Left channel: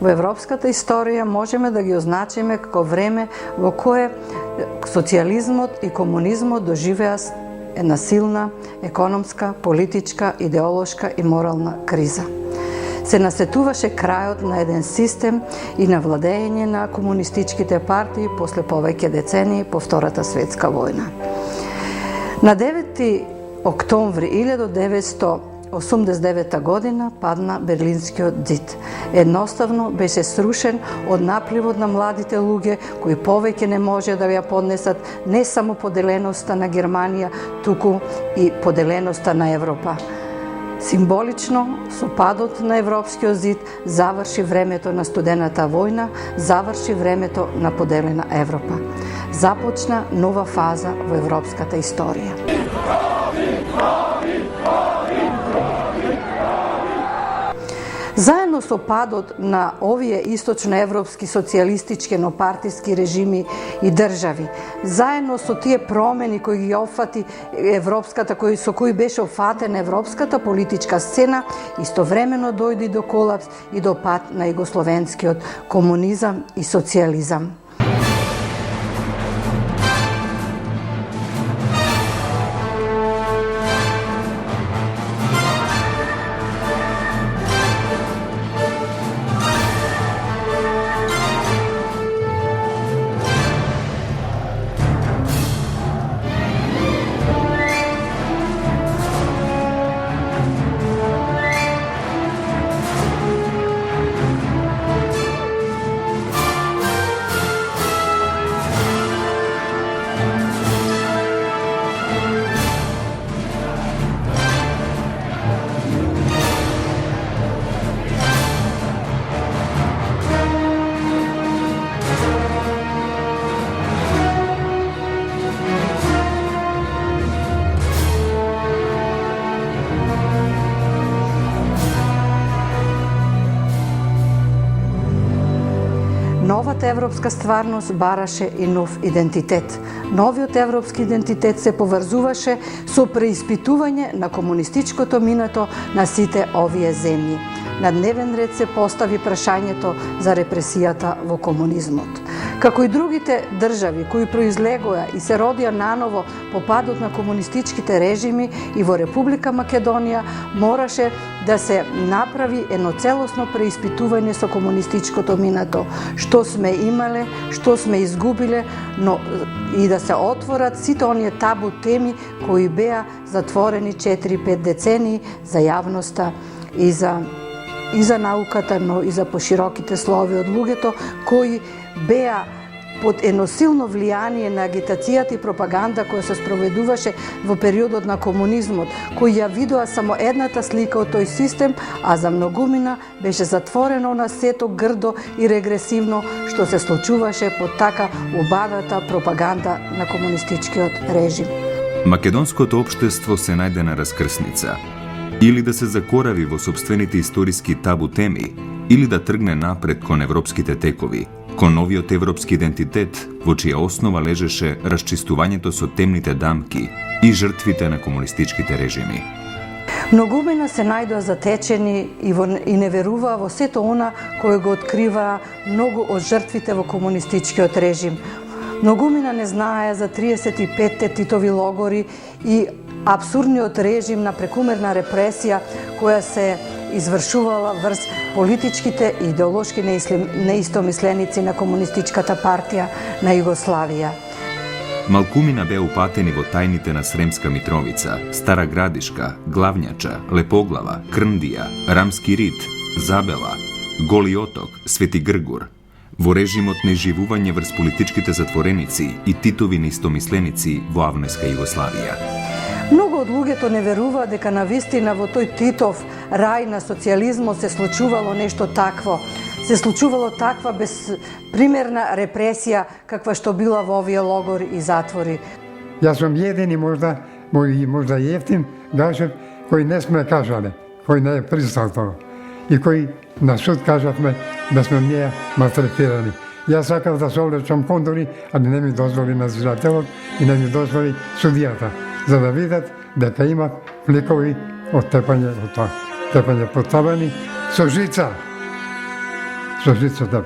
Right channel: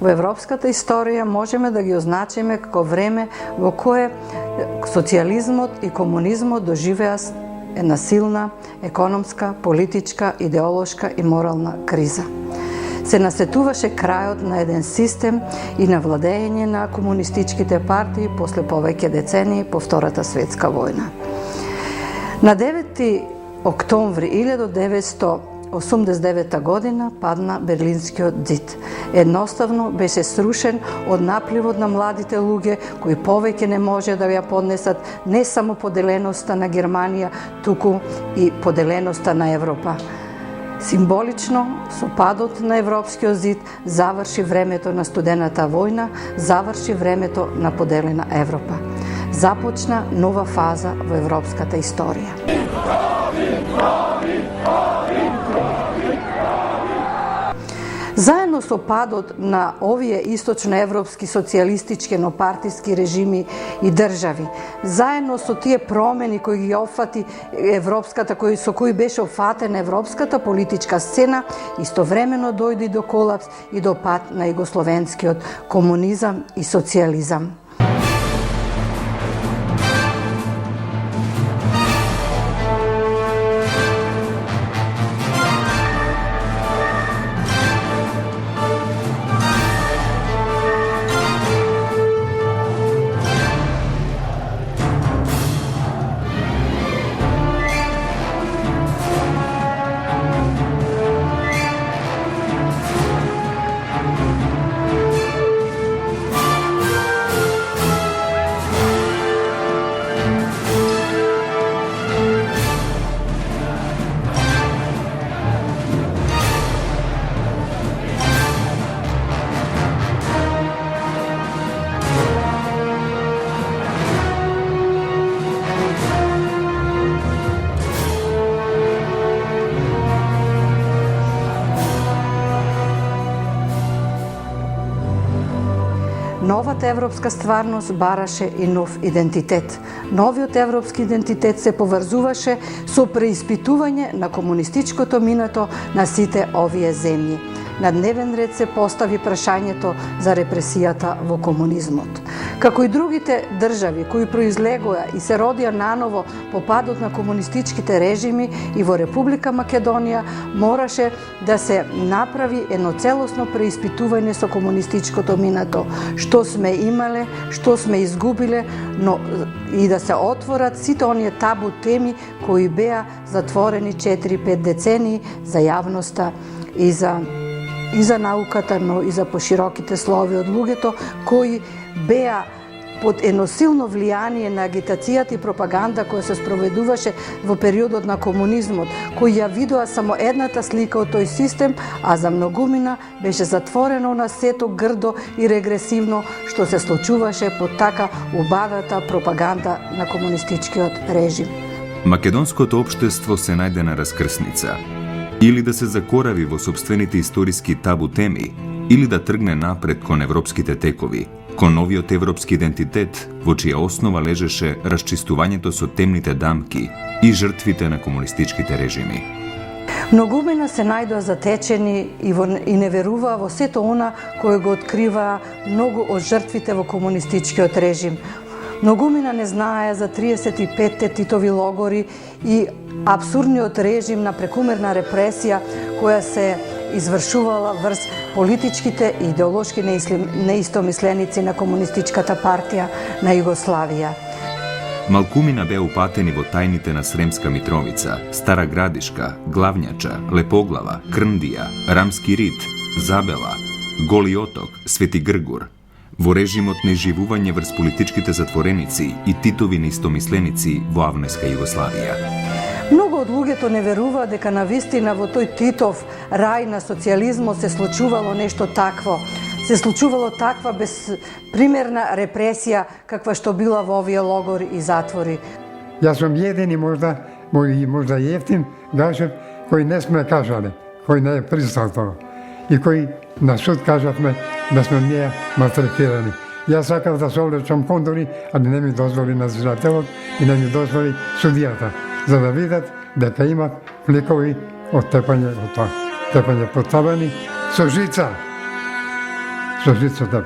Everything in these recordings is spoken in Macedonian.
Во европската историја можеме да ги означиме како време во кое социјализмот и комунизмот доживеа една силна економска, политичка, идеолошка и морална криза. Се насетуваше крајот на еден систем и на владење на комунистичките партии после повеќе децении по Втората светска војна. На 9 октомври 1989 година падна Берлинскиот ѕид. Едноставно беше срушен од напливот на младите луѓе кои повеќе не може да ја поднесат не само поделеноста на Германија, туку и поделеноста на Европа. Символично, со падот на Европскиот ѕид заврши времето на студената војна, заврши времето на поделена Европа. Започна нова фаза во европската историја. Заедно со падот на овие источноевропски социјалистички еднопартиски режими и држави, заедно со тие промени кои ги опфати европската, со кои беше опфатена европската политичка сцена, истовремено дојде до колапс и до пад на југословенскиот комунизам и социјализам. Новата европска стварност бараше и нов идентитет. Новиот европски идентитет се поврзуваше со преиспитување на комунистичкото минато на сите овие земји. На дневен ред се постави прашањето за репресијата во комунизмот. Како и другите држави кои произлегоа и се родија наново по падот на комунистичките режими, и во Република Македонија мораше да се направи едно целосно преиспитување со комунистичкото минато, што сме имале, што сме изгубиле, но и да се отворат сите оние табу теми кои беа затворени 4-5 децении за јавноста и за науката, но и за пошироките слови од луѓето кои беа под едно силно влијание на агитацијата и пропаганда која се спроведуваше во периодот на комунизмот, кој ја видоа само едната слика од тој систем, а за многумина беше затворено на сето грдо и регресивно што се случуваше под така убавата пропаганда на комунистичкиот режим. Македонското општество се најде на раскрсница. Или да се закорави во собствените историски табу теми, или да тргне напред кон европските текови, кон новиот европски идентитет, во чија основа лежеше расчистувањето со темните дамки и жртвите на комунистичките режими. Многумина се најдоа затечени и не веруваа во сето она кој го открива многу од жртвите во комунистичкиот режим. Многумина не знаеа за 35-те Титови логори и апсурдниот режим на прекумерна репресија која се извршувала врз политичките и идеолошки неистомисленици на Комунистичката партија на Југославија. Малкумина беа упатени во тајните на Сремска Митровица, Стара Градишка, Главњача, Лепоглава, Крндија, Рамски Рит, Забела, Голи Оток, Свети Гргур, во режимот на изживување врз политичките затвореници и Титови неистомисленици во авнојска Југославија. Многу од луѓето не верува дека навистина во тој Титов рај на социјализмот се случувало нешто такво. Се случувало таква безпримерна репресија каква што била во овие логори и затвори. Јас сум еден и можда ефтин гашев кој не сме кажале, кој не е пристал тоа и кој на суд кажавме да сме ние малтретирани. Јас сакав да се облечам кондори, али не ми дозволи надзирателот и не ми дозволи судијата, за да видат дека има фликови од тепање потабани со жица. со жицата.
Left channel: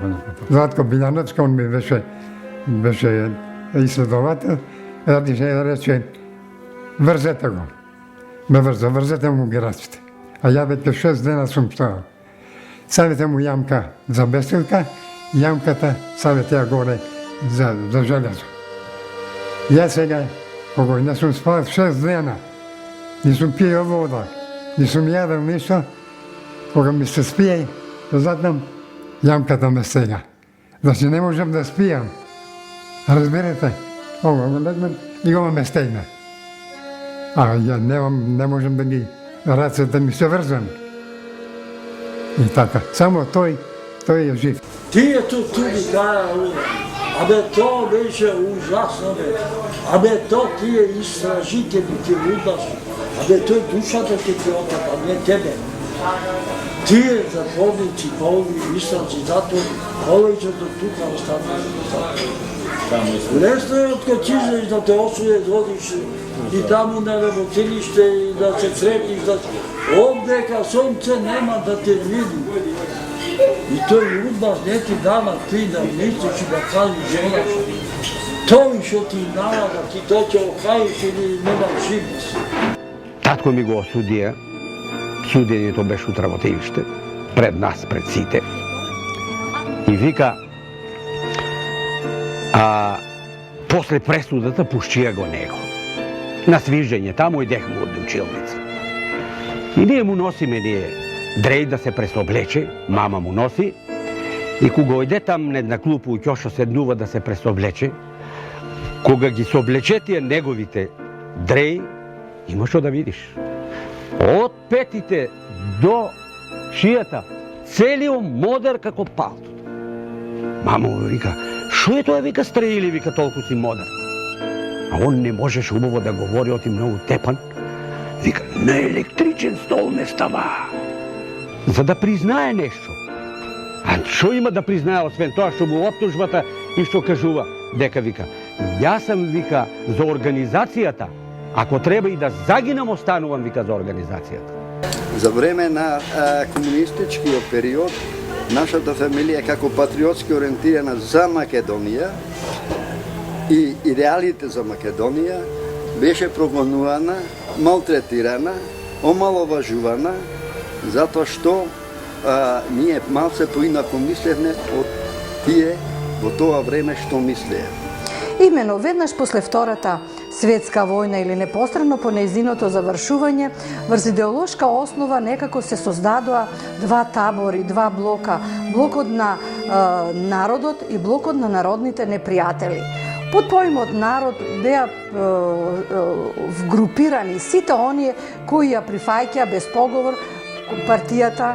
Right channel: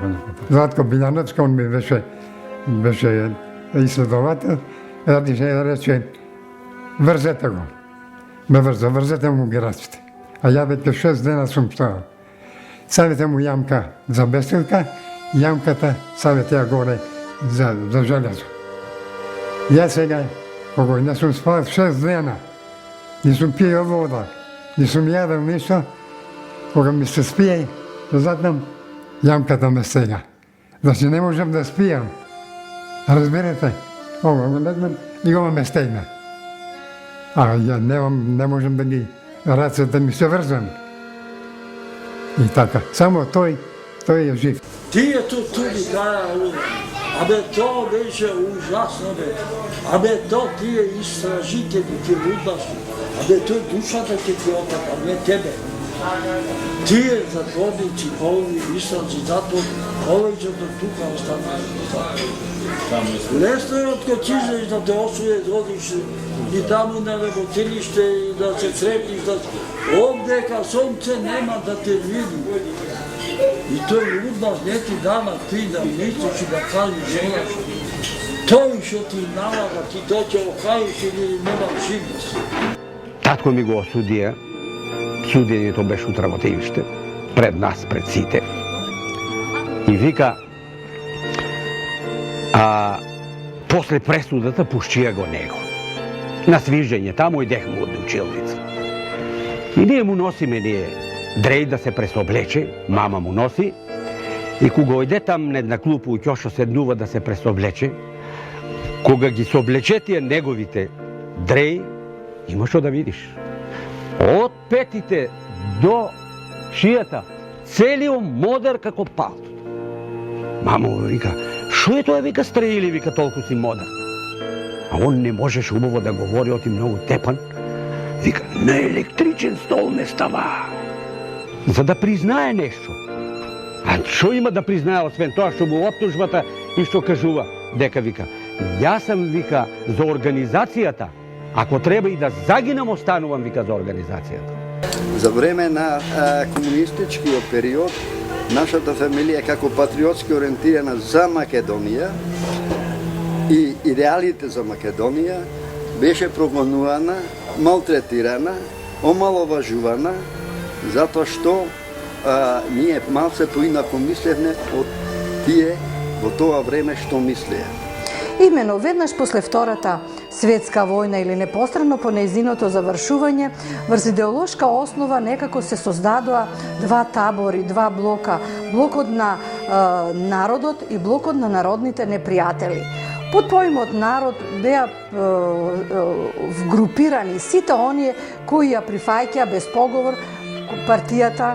Златко Билјановски, он ми беше исследовател, рече, врзете го. Ме врзете му гирачите. А ја веќе 6 дена сум стоял. Ставите му јамка за бестилка, јамката ставите ја горе за железо. Ја сега, кога не сум спал 6 дена, не сум пиел вода, не сум јадел ништо, кога ми се спие, затам јамката ме стега. Значи не можам да спијам. Разберете, и го ме стегна. А ја не можам да ги рацете ми се врзам. И така, само тој е жив. Тие туди кажа, абе то беше ужасно, абе то тие истражители, ти лудаши, абе тој душата ќе ти отат, а не тебе. Тие затворници, полови, истражи, зато повеќето тука останали. Лесно е откачиш да те осуде, водиш и таму на работилиште и да се сретиш, овдека сонце нема да те види. И тој удбаш не ти дава ти да мислиш и да кажеш желаш. Тој што ти дава да ти то ќе окажеш или нема живост. Татко ми го осудија, судењето беше утре во тивиште, пред нас, пред сите. И вика, после пресудата пушчија го него. На свижење, таму идехме од училница. И ние му носиме дреј да се пресоблече, мама му носи, и кога ојде там на една клупа у ќошо седнува да се пресоблече, кога ги соблече тие неговите дреј, има што да видиш. Од петите до шијата, целиот модер како палтото. Мама му вика, шо е тоа, вика, стреили, вика, толку си модер. А он не можеше убаво да говори, оти многу тепан. Вика, на електричен стол ме става. За да признае нешто. А што има да признае, освен тоа што му оптужбата и што кажува? Дека, вика, јас сам, вика, за организацијата, ако треба и да загинам, останувам, вика, за организацијата. За време на комунистичкиот период, нашата фамилија како патриотски ориентирана за Македонија и идеалите за Македонија беше прогонувана, малтретирана, омаловажувана, затоа што ние малце поинако мислевме од тие во тоа време што мислеа. Имено веднаш после Втората светска војна или непосредно по нејзиното завршување, врз идеолошка основа некако се создадоа два табори, два блока, блокот на народот и блокот на народните непријатели. Под поимот народ беа вгрупирани сите оние кои ја прифаќаа без поговор партијата,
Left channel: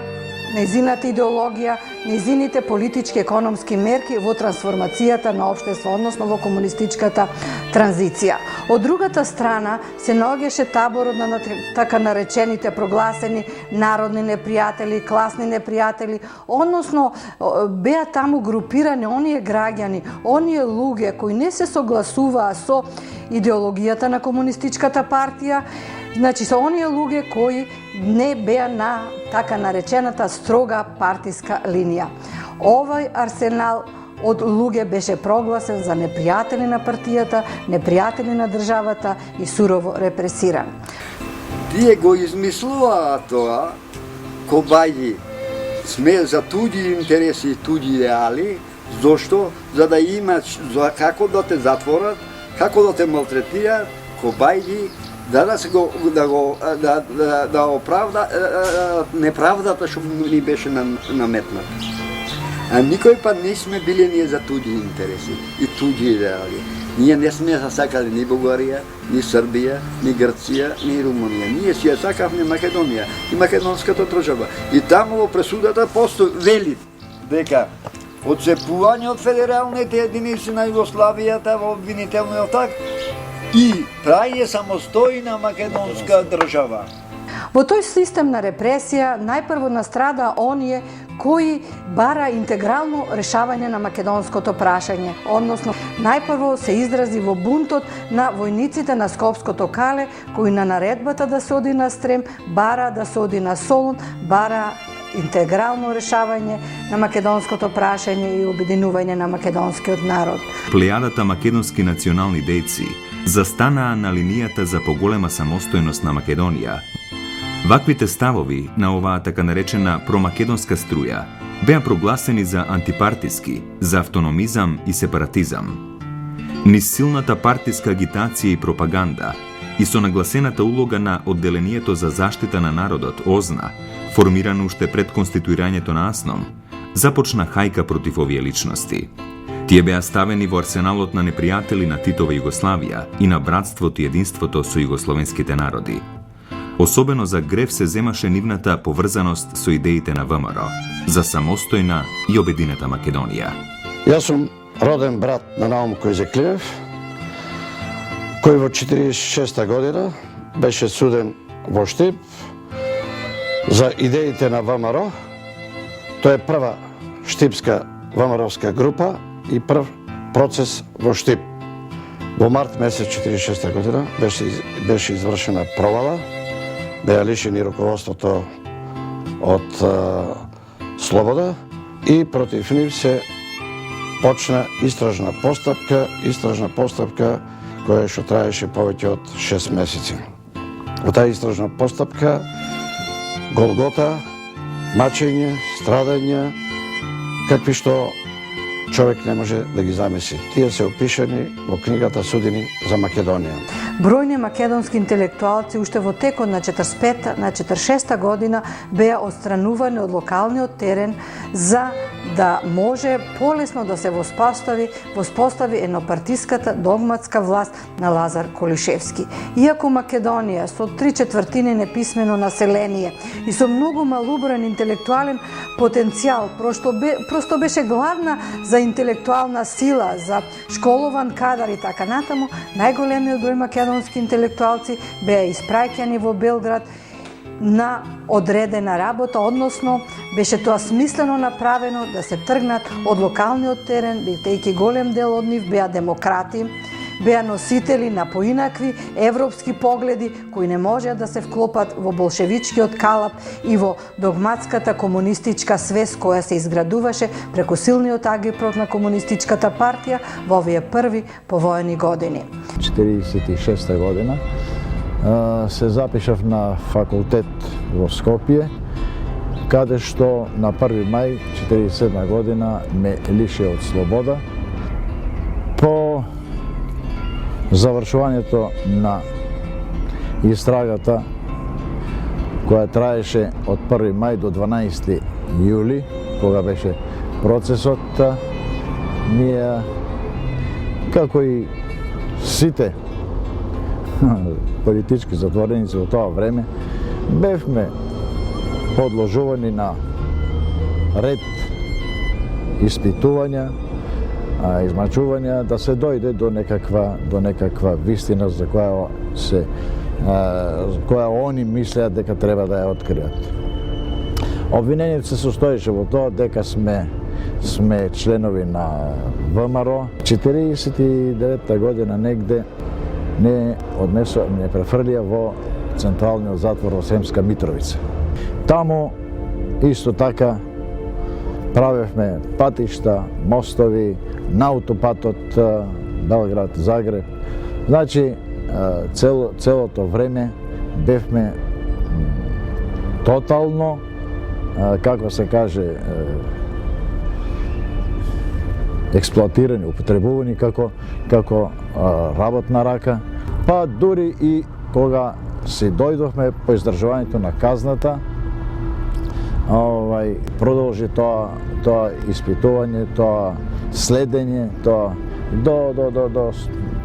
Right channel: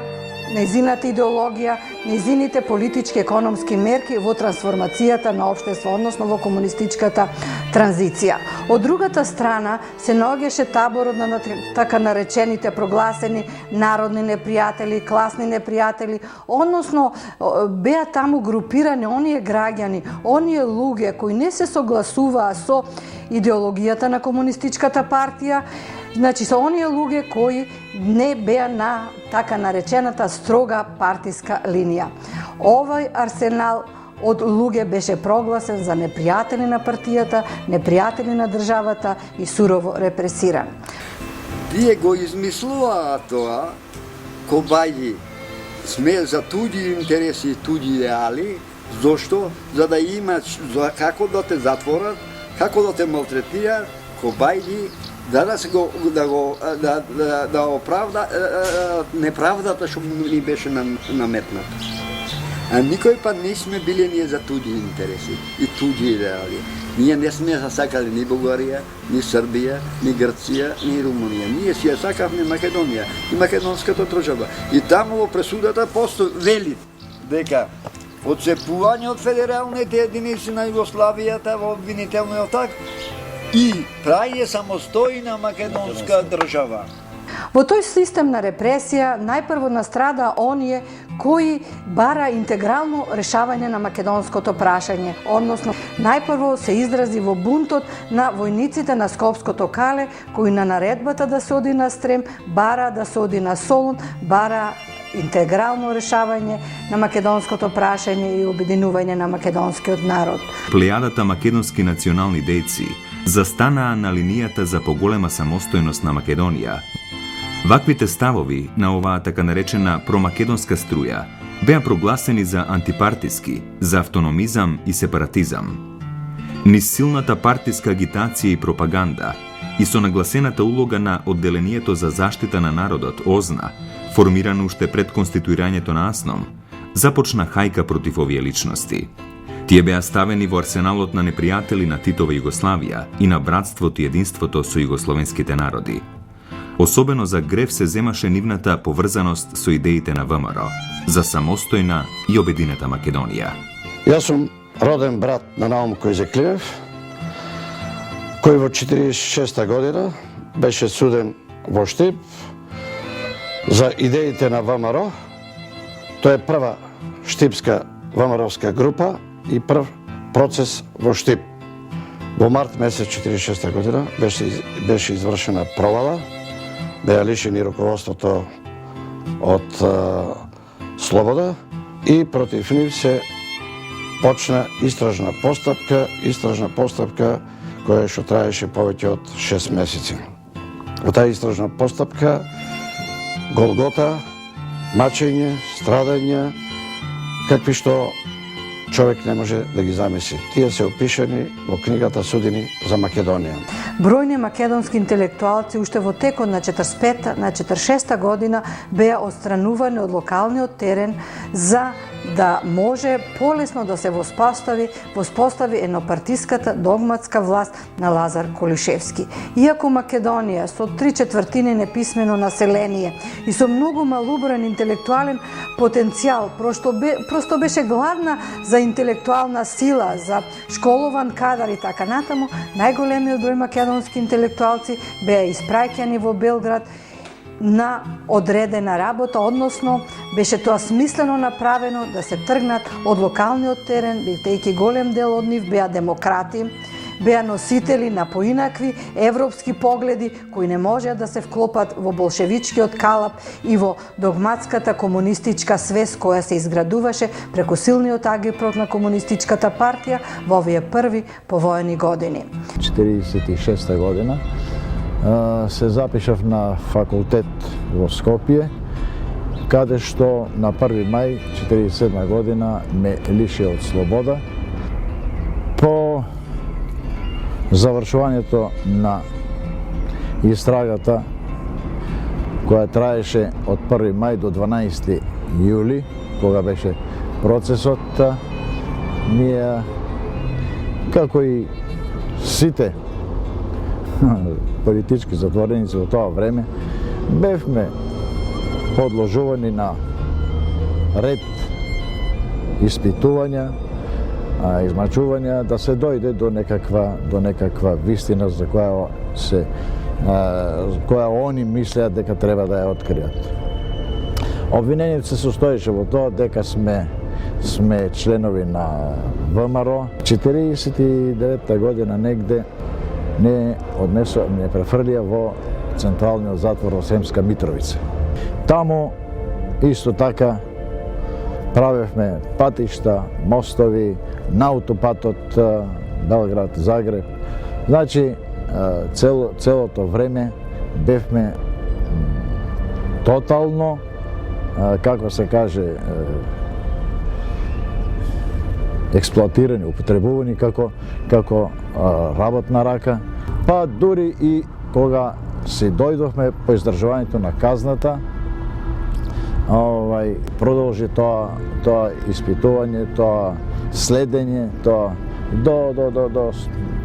нејзината идеологија, нејзините политички економски мерки во трансформацијата на општество, односно во комунистичката транзиција. Од другата страна се наоѓаше таборот на така наречените прогласени народни непријатели, класни непријатели, односно беа таму групирани оние граѓани, оние луѓе кои не се согласуваа со идеологијата на комунистичката партија, значи со оние луѓе кои не беа на така наречената строга партиска линија. Овој арсенал од луѓе беше прогласен за непријатели на партијата, непријатели на државата и сурово репресиран. Тие го измислуваа тоа, кобаји сме за туѓи интереси и туѓи идеали, зошто? За да имат како да те затворат, како да те малтретираат, кобаји да оправда неправдата што ни беше наметната. А никој пат не сме биле ние за туѓи интереси и туѓи идеали. Ние не сме сакали ни Бугарија, ни Србија, ни Грција, ни Румунија. Ние си ја сакавме Македонија и македонската држава. И таму во пресудата постои вели дека одцепување од федералните единици на Југославијата во обвинителниот акт и праје самостојна македонска држава. Во тој систем на репресија најпрво настрада оние кои бара интегрално решавање на македонското прашање, односно најпрво се изрази во бунтот на војниците на Скопското кале, кои на наредбата да се оди на Стрем, бара да се оди на Солун, бара интегрално решавање на македонското прашање и обединување на македонскиот народ. Плејадата македонски национални дејци застанаа на линијата за поголема самостојност на Македонија. Ваквите ставови на оваа така наречена промакедонска струја беа прогласени за антипартиски, за автономизам и сепаратизам. Низ силната партиска агитација и пропаганда и со нагласената улога на одделението за заштита на народот ОЗНА, формирано уште пред конституирањето на АСНОМ, започна хајка против овие личности. Тие беа ставени во арсеналот на непријатели на Титова Југославија и на братството и единството со југословенските народи. Особено за грев се земаше нивната поврзаност со идеите на ВМРО, за самостојна и обединета Македонија. Јас сум роден брат на Наум Којзеклиев, кој во 1946 година беше суден во Штип за идеите на ВМРО. Тоа е прва штипска ВМРО-вска група и прв процес во Штип. Во март месец 1946 година беше извршена провала, беа лишени руководството од слобода и против нив се почна истражна постапка која што траеше повеќе од 6 месеци. Во таа истражна постапка голгота, мачење, страдања, какви што човек не може да ги замисли. Тие се опишани во книгата Судини за Македонија. Бројни македонски интелектуалци уште во текот на 46 година беа отстранувани од локалниот терен за да може полесно да се воспостави еднопартиската догматска власт на Лазар Колишевски. Иако Македонија со 3/4 неписмено население и со многу малуброен интелектуален потенцијал просто беше гладна за интелектуална сила, за школован кадар и така натаму, најголемиот број македонски интелектуалци беа испраќани во Белград на одредена работа, односно беше тоа смислено направено да се тргнат од локалниот терен, бидејќи голем дел од нив беа демократи, беа носители на поинакви европски погледи кои не можеа да се вклопат во болшевичкиот калап и во догматската комунистичка свест која се изградуваше преку силниот агитпрот на комунистичката партија во овие први повоени години. 1946 година се запишав на факултет во Скопје, каде што на 1. мај 1947 година ме лиши од слобода. По завршувањето на истрагата која траеше од 1. мај до 12. јули, кога беше процесот, ние, како и сите политички затвореници во тоа време, бевме подложувани на ред испитувања, измачувања, да се дојде до некаква вистина за која они мислеат дека треба да ја откријат. Обвинението се состоеше во тоа дека сме членови на ВМРО. 49 година негде не префрлија во централниот затвор во Сремска Митровица. Таму исто така правевме патишта, мостови, на аутопатот Белград-Загреб. Значи, целото време бевме тотално, како се каже, експлоатирани, употребувани како работна рака, па дури и кога си дојдовме по издржувањето на казната, продолжи тоа испитување, тоа следење, тоа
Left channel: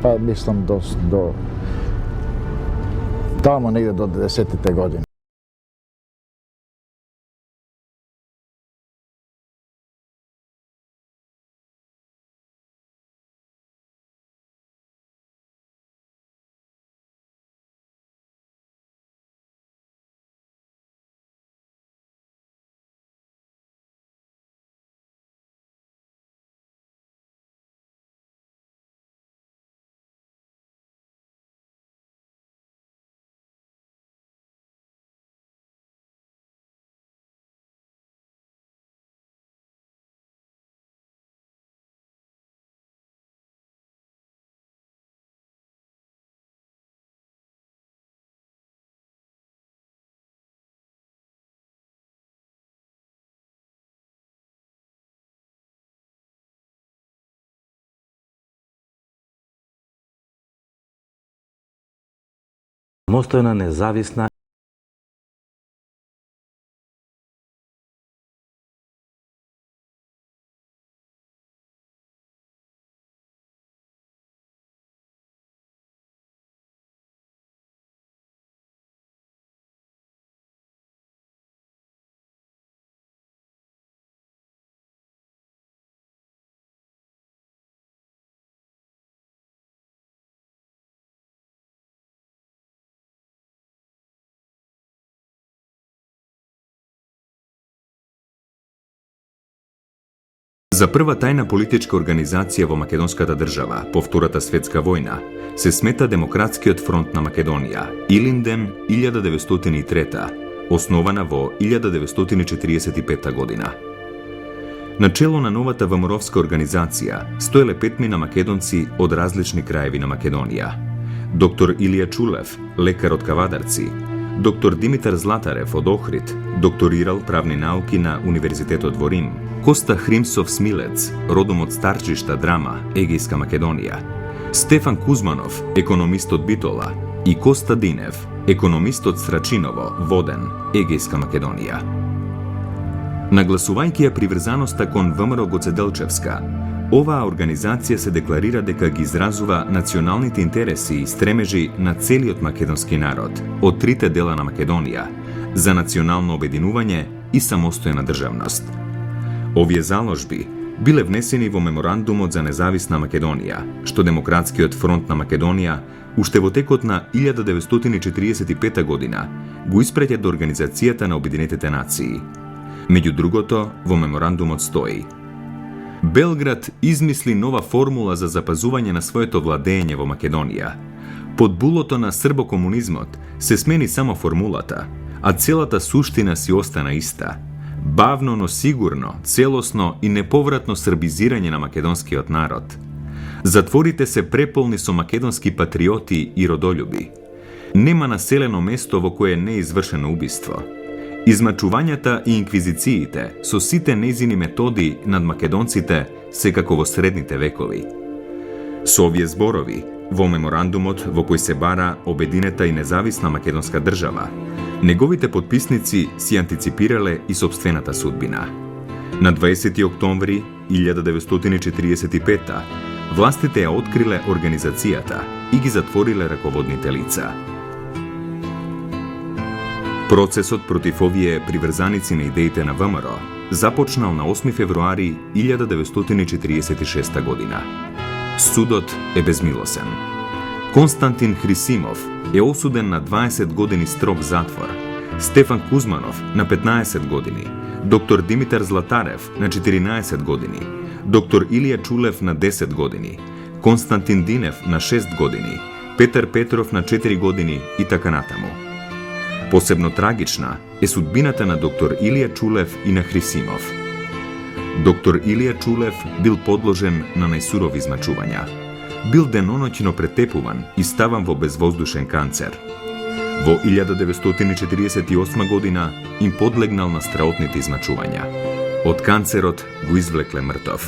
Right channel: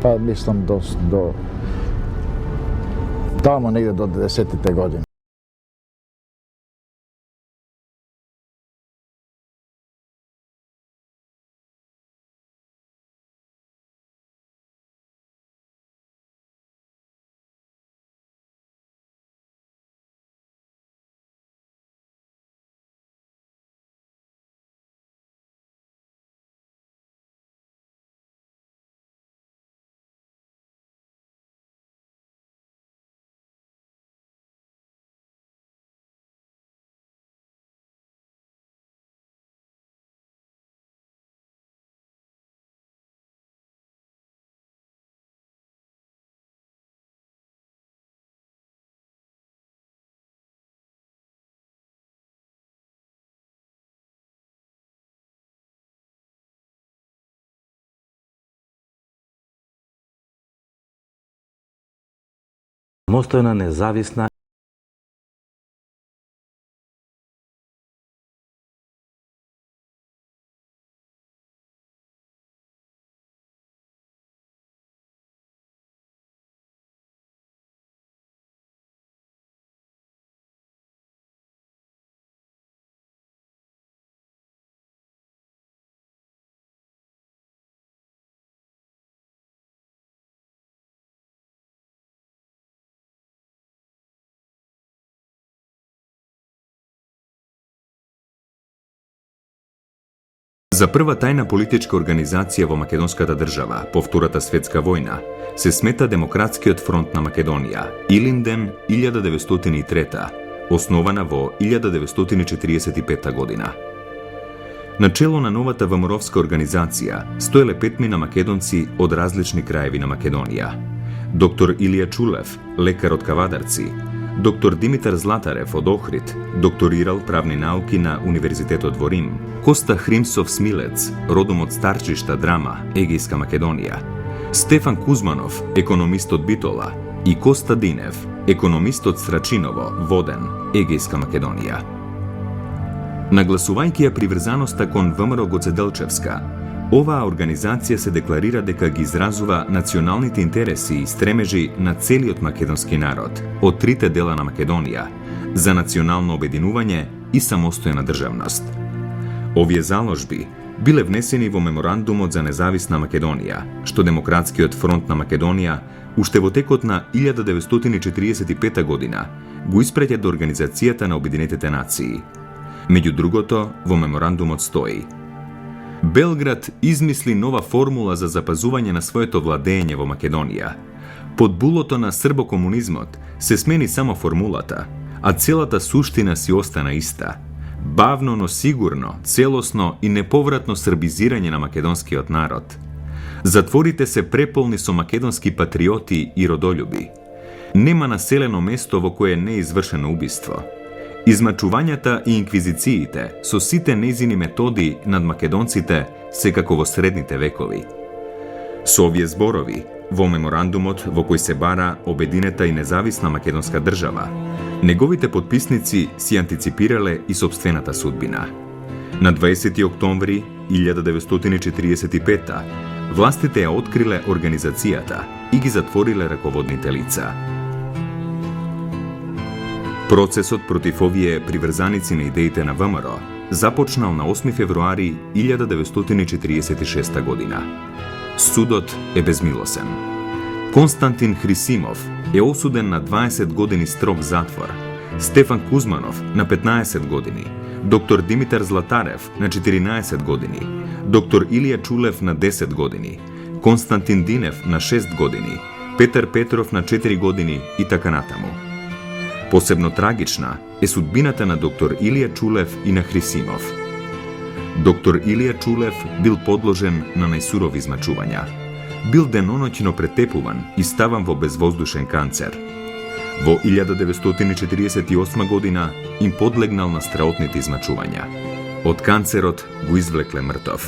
па мислам до таму негде до 10-те години. самостојна, независна За прва тајна политичка организација во македонската држава по Втората светска војна се смета Демократскиот фронт на Македонија, Илинден 1903, основана во 1945 година. Начело на новата ВМРО-вска организација стоеле 5 македонци од различни краеви на Македонија. Доктор Илија Чулев, лекар од Кавадарци, доктор Димитар Златарев од Охрид, докторирал правни науки на Универзитетот во Рим, Коста Хримсов Смилец, родом од Старчишта, Драма, Егејска Македонија, Стефан Кузманов, економист од Битола, и Коста Динев, економист од Срачиново, Воден, Егејска Македонија. Нагласувајќи ја приврзаноста кон ВМРО Гоцеделчевска, оваа организација се декларира дека ги изразува националните интереси и стремежи на целиот македонски народ од трите дела на Македонија за национално обединување и самостојна државност. Овие заложби биле внесени во меморандумот за независна Македонија, што Демократскиот фронт на Македонија уште во текот на 1945 година го испраќа до Организацијата на Обединетите нации. Меѓу другото, во меморандумот стои: Белград измисли нова формула за запазување на своето владење во Македонија. Под булото на србокомунизмот се смени само формулата, а целата суштина си остана иста. Бавно, но сигурно, целосно и неповратно србизирање на македонскиот народ. Затворите се преполни со македонски патриоти и родолюби. Нема населено место во кое не е извршено убиство. Измачувањата и инквизициите со сите нејзини методи над македонците се како во средните векови. Со овие зборови, во меморандумот во кој се бара обединета и независна македонска држава, неговите потписници си антиципирале и собствената судбина. На 20 октомври 1945 властите ја откриле организацијата и ги затвориле раководните лица. Процесот против овие приврзаници на идеите на ВМРО започнал на 8 февруари 1946 година. Судот е безмилосен. Константин Хрисимов е осуден на 20 години строг затвор, Стефан Кузманов на 15 години, доктор Димитар Златарев на 14 години, доктор Илија Чулев на 10 години, Константин Динев на 6 години, Петар Петров на 4 години и така натаму. Посебно трагична е судбината на доктор Илија Чулев и на Хрисимов. Доктор Илија Чулев бил подложен на најсурови измачувања. Бил деноноќно претепуван и ставан во безвоздушен канцер. Во 1948 година им подлегнал на страотните измачувања. Од канцерот го извлекле мртов.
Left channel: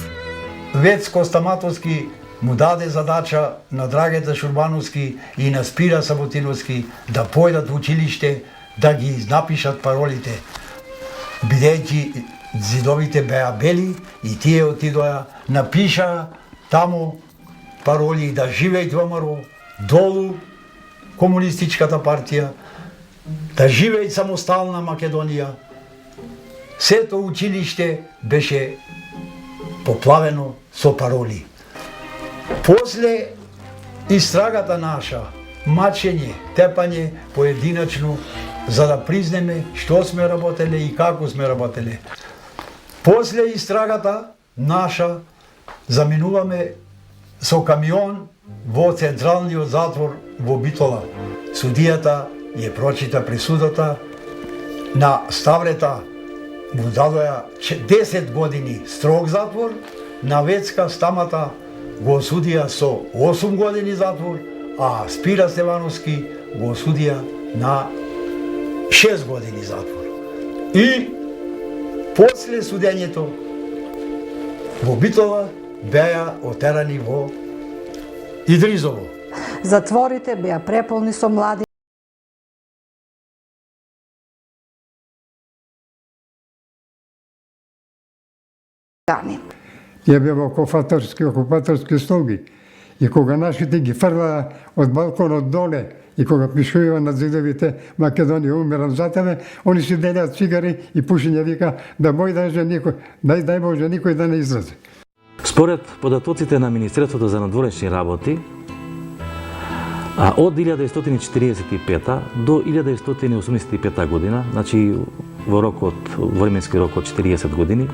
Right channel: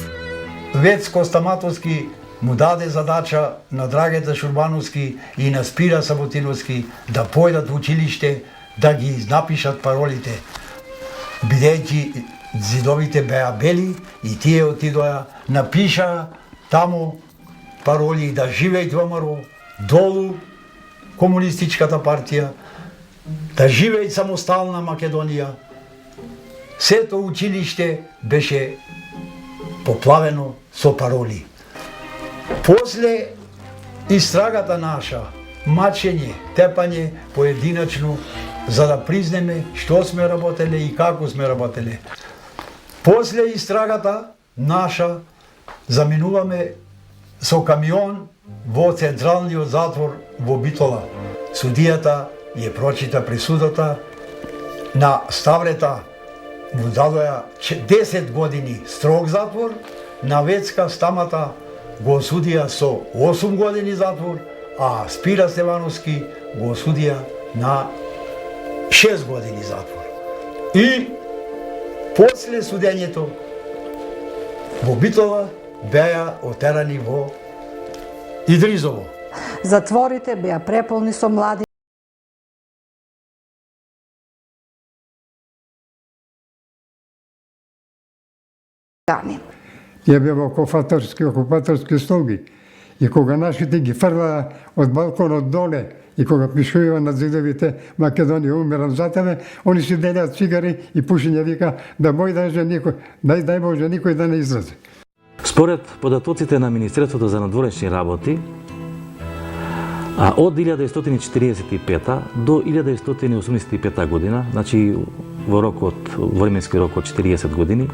Вецко Стаматовски му даде задача на Драгета Шурбановски и на Спира Саботиновски да појдат во училиште да ги напишат паролите. Бидејќи зидовите беа бели и тие отидоа, напиша таму пароли да живеј ВМРО, долу комунистичката партија, да живеј самостална Македонија. Сето училиште беше поплавено со пароли. После истрагата наша, мачење, тепање поединачно, за да признеме што сме работеле и како сме работеле. После истрагата наша, заминуваме со камион во централниот затвор во Битола. Судијата ја прочита присудата на Ставрета, му дадоја 10 години строг затвор, на Вецка Стамата го осудија со 8 години затвор, а Спира Стевановски го осудија на 6 години затвор. И после судењето во Битола беа отерани во Идризово. Затворите беа преполни со млади дани. Ја беа окупаторски слуги. И кога нашите ги фрлаа од балконот доле, и кога пишуваја на зидовите Македонија умирам за тебе, они си делеат цигари и пушење, вика да бој дај Боже никој да не излезе. Според податоците на Министерството за надворешни работи, од 1945 до 1985 година, значи во временски рок од 40 години,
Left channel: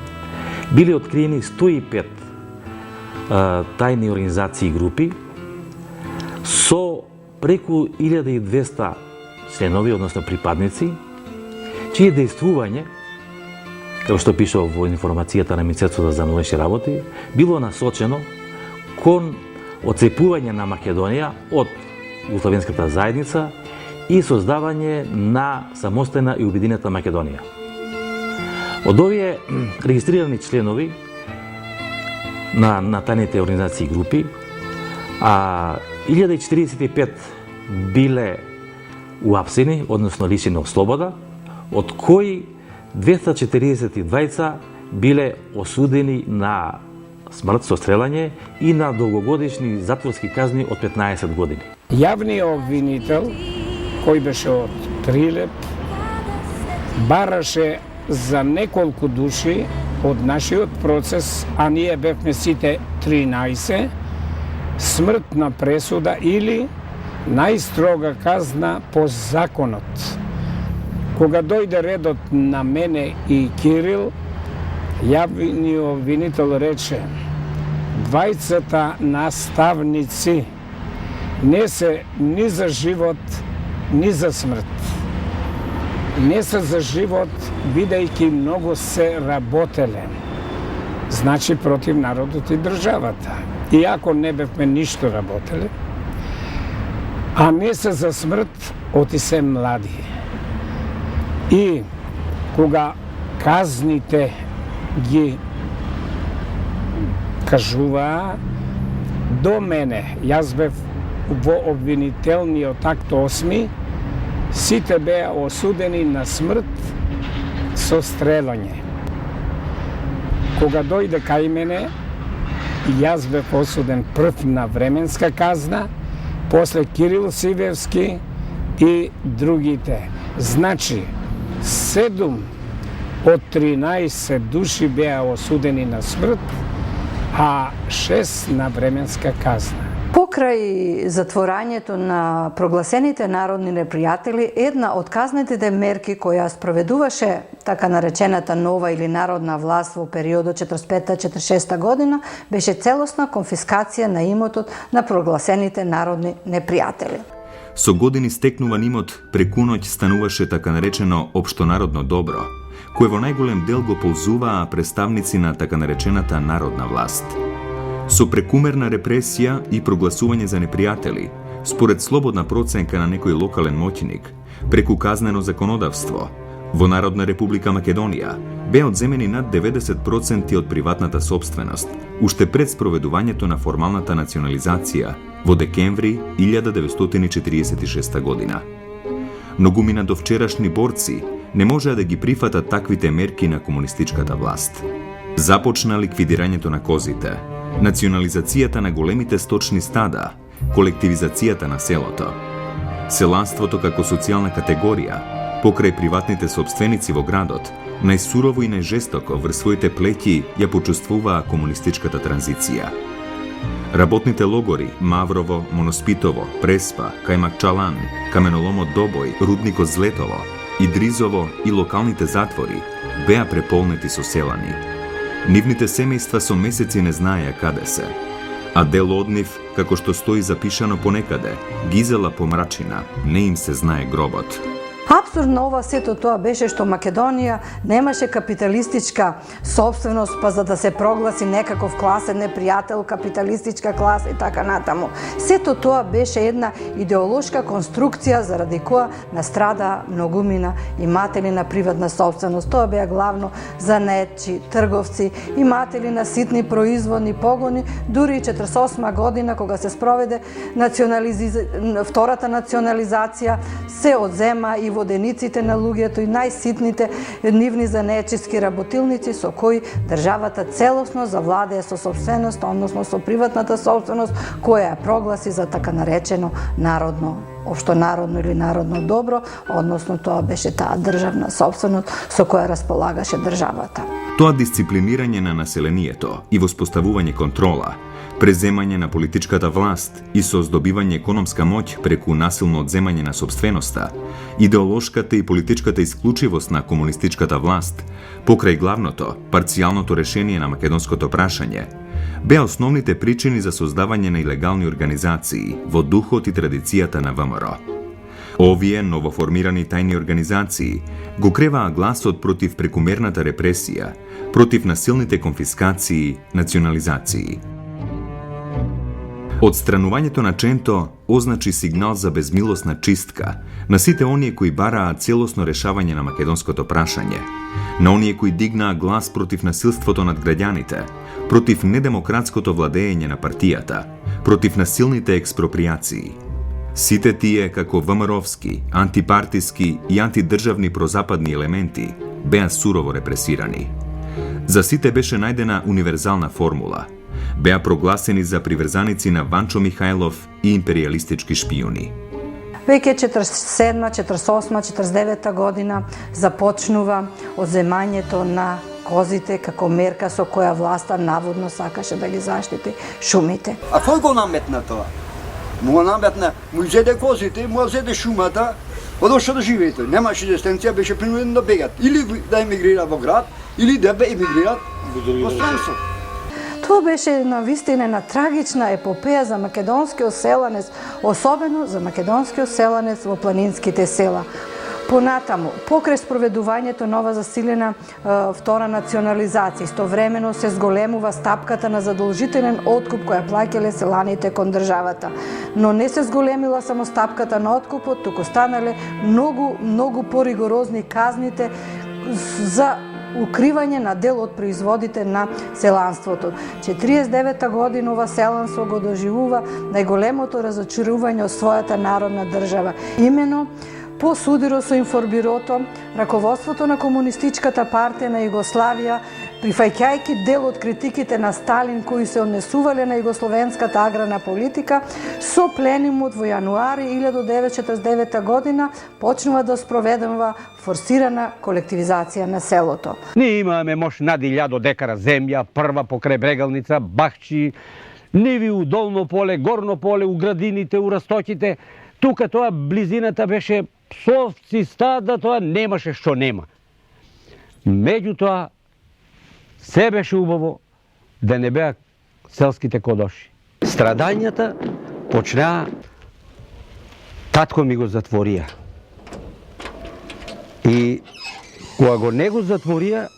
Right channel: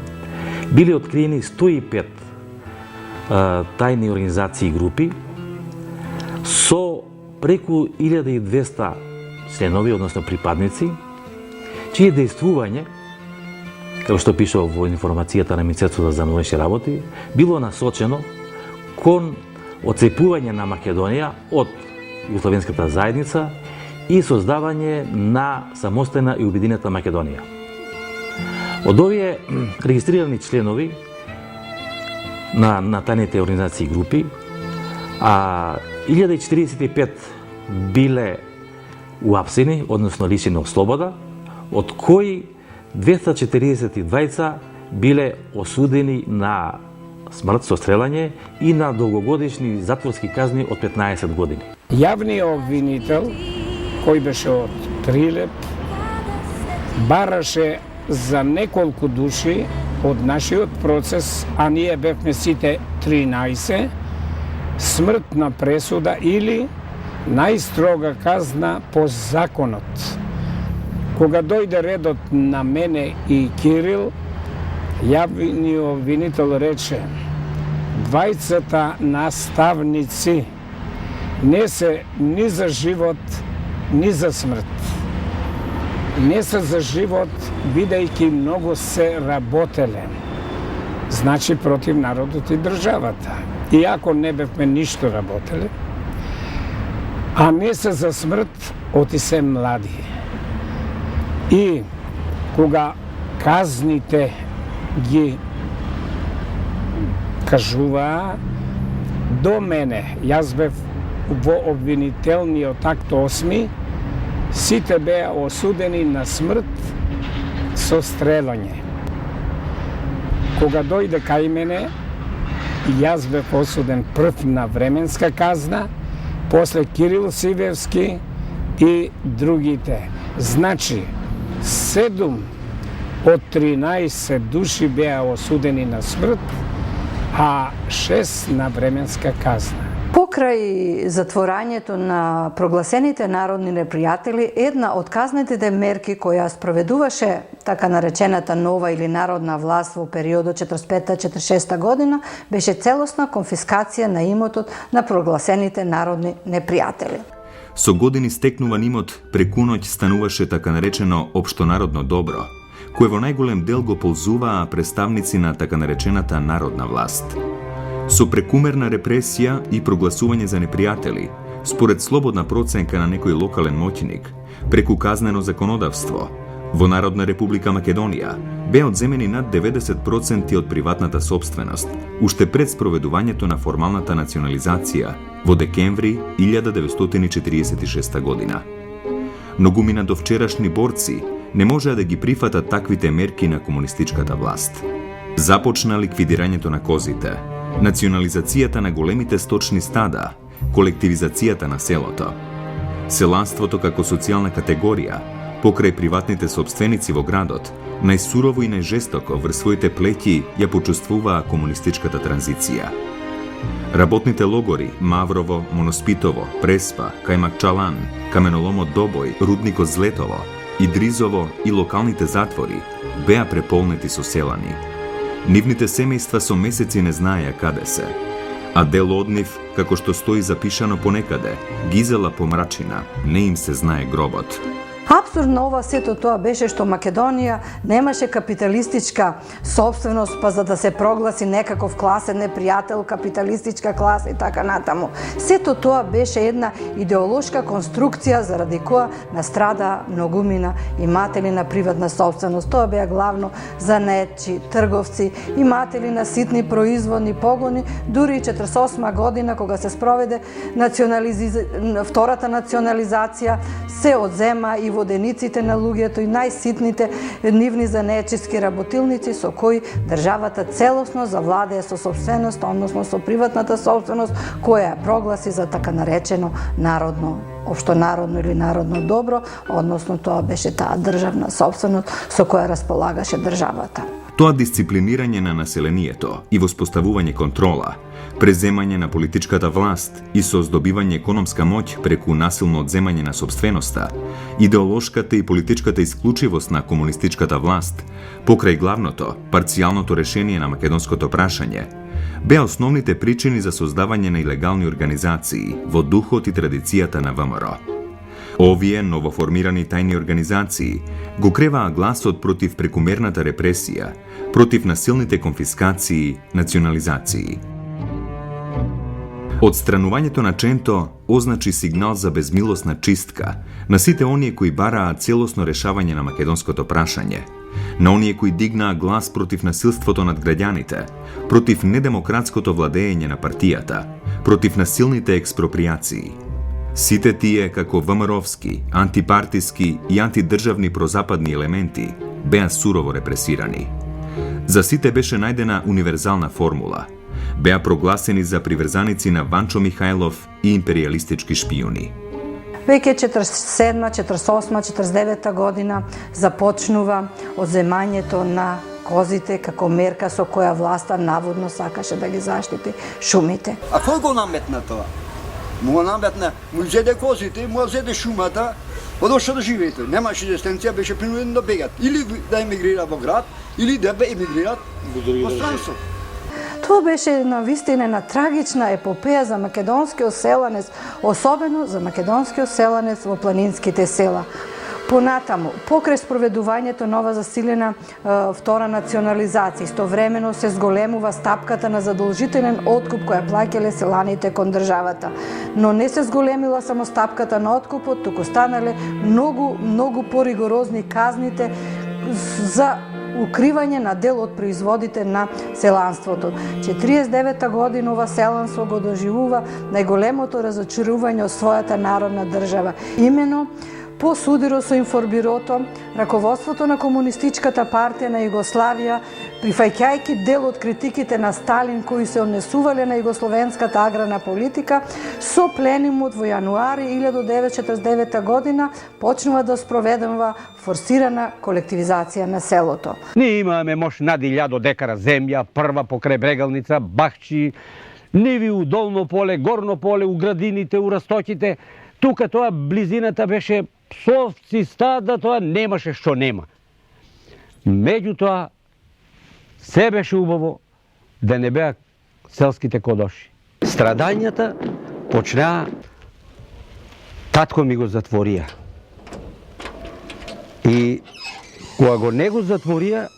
били откриени 105 тајни организации и групи со преку 1200 членови, односно припадници, чие дејствување, како што пишува во информацијата на Министерството за надворешни работи, било насочено кон оцепување на Македонија од Југословенската заедница и создавање на самостојна и обединета Македонија. Од овие регистрирани членови на тајните организации и групи, 1045 биле уапсени, односно лишени од слобода, од кои 242 биле осудени на смрт со стрелање и на долгогодишни затворски казни од 15 години. Јавниот обвинител, кој беше од Прилеп, бараше за неколку души од нашиот процес, а ние бевме сите 13, смртна пресуда или најстрога казна по законот. Кога дојде редот на мене и Кирил, јавниот обвинител рече: двајцата наставници не се ни за живот, ни за смрт. Не се за живот, бидејќи многу се работеле. Значи против народот и државата. Иако не бевме ништо работеле, а не се за смрт, оти се млади. И кога казните ги кажуваа до мене, јас бев во обвинителниот акт 8, сите беа осудени на смрт со стрелање. Кога дојде кај мене, јас бев осуден прв на временска казна, после Кирил Сивевски и другите. Значи, 7 од 13 души беа осудени на смрт, а 6 на временска казна. Покрај затворањето на прогласените народни непријатели, една од казнетите мерки која спроведуваше така наречената нова или народна власт во периодот 45-46 година беше целосна конфискација на имотот на прогласените народни непријатели. Со години стекнуван имот преку ноќ стануваше така наречено општонародно добро, кое во најголем дел го ползуваа представници на така наречената народна власт. Со прекумерна репресија и прогласување за непријатели, според слободна проценка на некој локален моќник, преку казнено законодавство, во Народна република Македонија беа одземени над 90% од приватната собственост, уште пред спроведувањето на формалната национализација во декември 1946 година. Многумина до вчерашни борци не можеа да ги прифатат таквите мерки на комунистичката власт. Започна ликвидирањето на козите, национализацијата на големите сточни стада, колективизацијата на селото. Селанството како социјална категорија, покрај приватните собственици во градот, најсурово и најжестоко врз своите плеќи ја почувствуваа комунистичката транзиција. Работните логори Маврово, Моноспитово, Преспа, Кајмакчалан, каменоломот Добој, рудникот Злетово, Идризово и локалните затвори беа преполнети со селани. Нивните семејства со месеци не знаеа каде се, а дел од нив, како што стои запишано понекаде, гизела помрачина, не им се знае гробот. Апсурдно ова сето тоа беше што Македонија немаше капиталистичка собственост, па за да се прогласи некаков класен непријател, капиталистичка класа и така натаму. Сето тоа беше една идеолошка конструкција заради која настрада многумина иматели на приватна собственост. Тоа беа главно занаетчи, трговци, иматели на ситни производни погони, дури и 48 година кога се спроведе втората национализација, се одзема и и водениците на луѓето и најситните нивни занечиски работилници со кои државата целосно завладее со собственост, односно со приватната собственост, која ја прогласи за така наречено народно, општонародно или народно добро, односно тоа беше таа државна собственост со која располагаше државата. Тоа дисциплинирање на населението и воспоставување контрола, преземање на политичката власт и создобивање економска моќ преку насилно одземање на собственоста, идеолошката и политичката исклучивост на комунистичката власт, покрај главното, парцијалното решение на македонското прашање, беа основните причини за создавање на илегални организации во духот и традицијата на ВМРО. Овие новоформирани тајни организации го креваа гласот против прекумерната репресија, против насилните конфискации, национализации. Отстранувањето на Ченто означи сигнал за безмилосна чистка на сите оние кои бараа целосно решавање на македонското прашање, на оние кои дигнаа глас против насилството над граѓаните, против недемократското владење на партијата, против насилните експроприации. Сите тие, како ВМРО-вски, антипартиски и антидржавни прозападни елементи, беа сурово репресирани. За сите беше најдена универзална формула. Беа прогласени за приврзаници на Ванчо Михајлов и империјалистички шпијуни. Веќе 47, 48, 49 година започнува одземањето на козите како мерка со која власта наводно сакаше да ги заштити шумите. А кој го наметна тоа? Му го наметна, му изеде козите, му изеде шумата, одошо да живеете. Немаше резистенција, беше принуден да бегат. Или да емигрира во град, или да емигрират во странство. Тоа беше навистина една трагична епопеја за македонскиот селанец, особено за македонскиот селанец во планинските села. Понатаму, покрај спроведувањето нова засилена втора национализација, истовремено се зголемува стапката на задолжителен откуп која плаќале селаните кон државата. Но не се зголемила само стапката на откупот, туку станале многу поригорозни казните за укривање на дел од производите на селанството. 49-та година ова селанство го доживува најголемото разочарување од својата народна држава. Имено по судиро со информбирото, раководството на Комунистичката партија на Југославија, прифаќајќи дел од критиките на Сталин кои се однесувале на југословенската аграрна политика, со пленумот во јануари 1949 година почнува да спроведува форсирана колективизација на селото. Ние имаме мош над 1000 декара земја, прва покрај Брегалница, Бахчи, ниви у Долно поле, Горно поле, у градините, у Растоките. Тука тоа близината беше псовци, стада, тоа немаше што нема. Меѓутоа, се беше убаво да не беа селските кодоши. Страдањата почнаа, татко ми го затворија. И кога го не го затворија,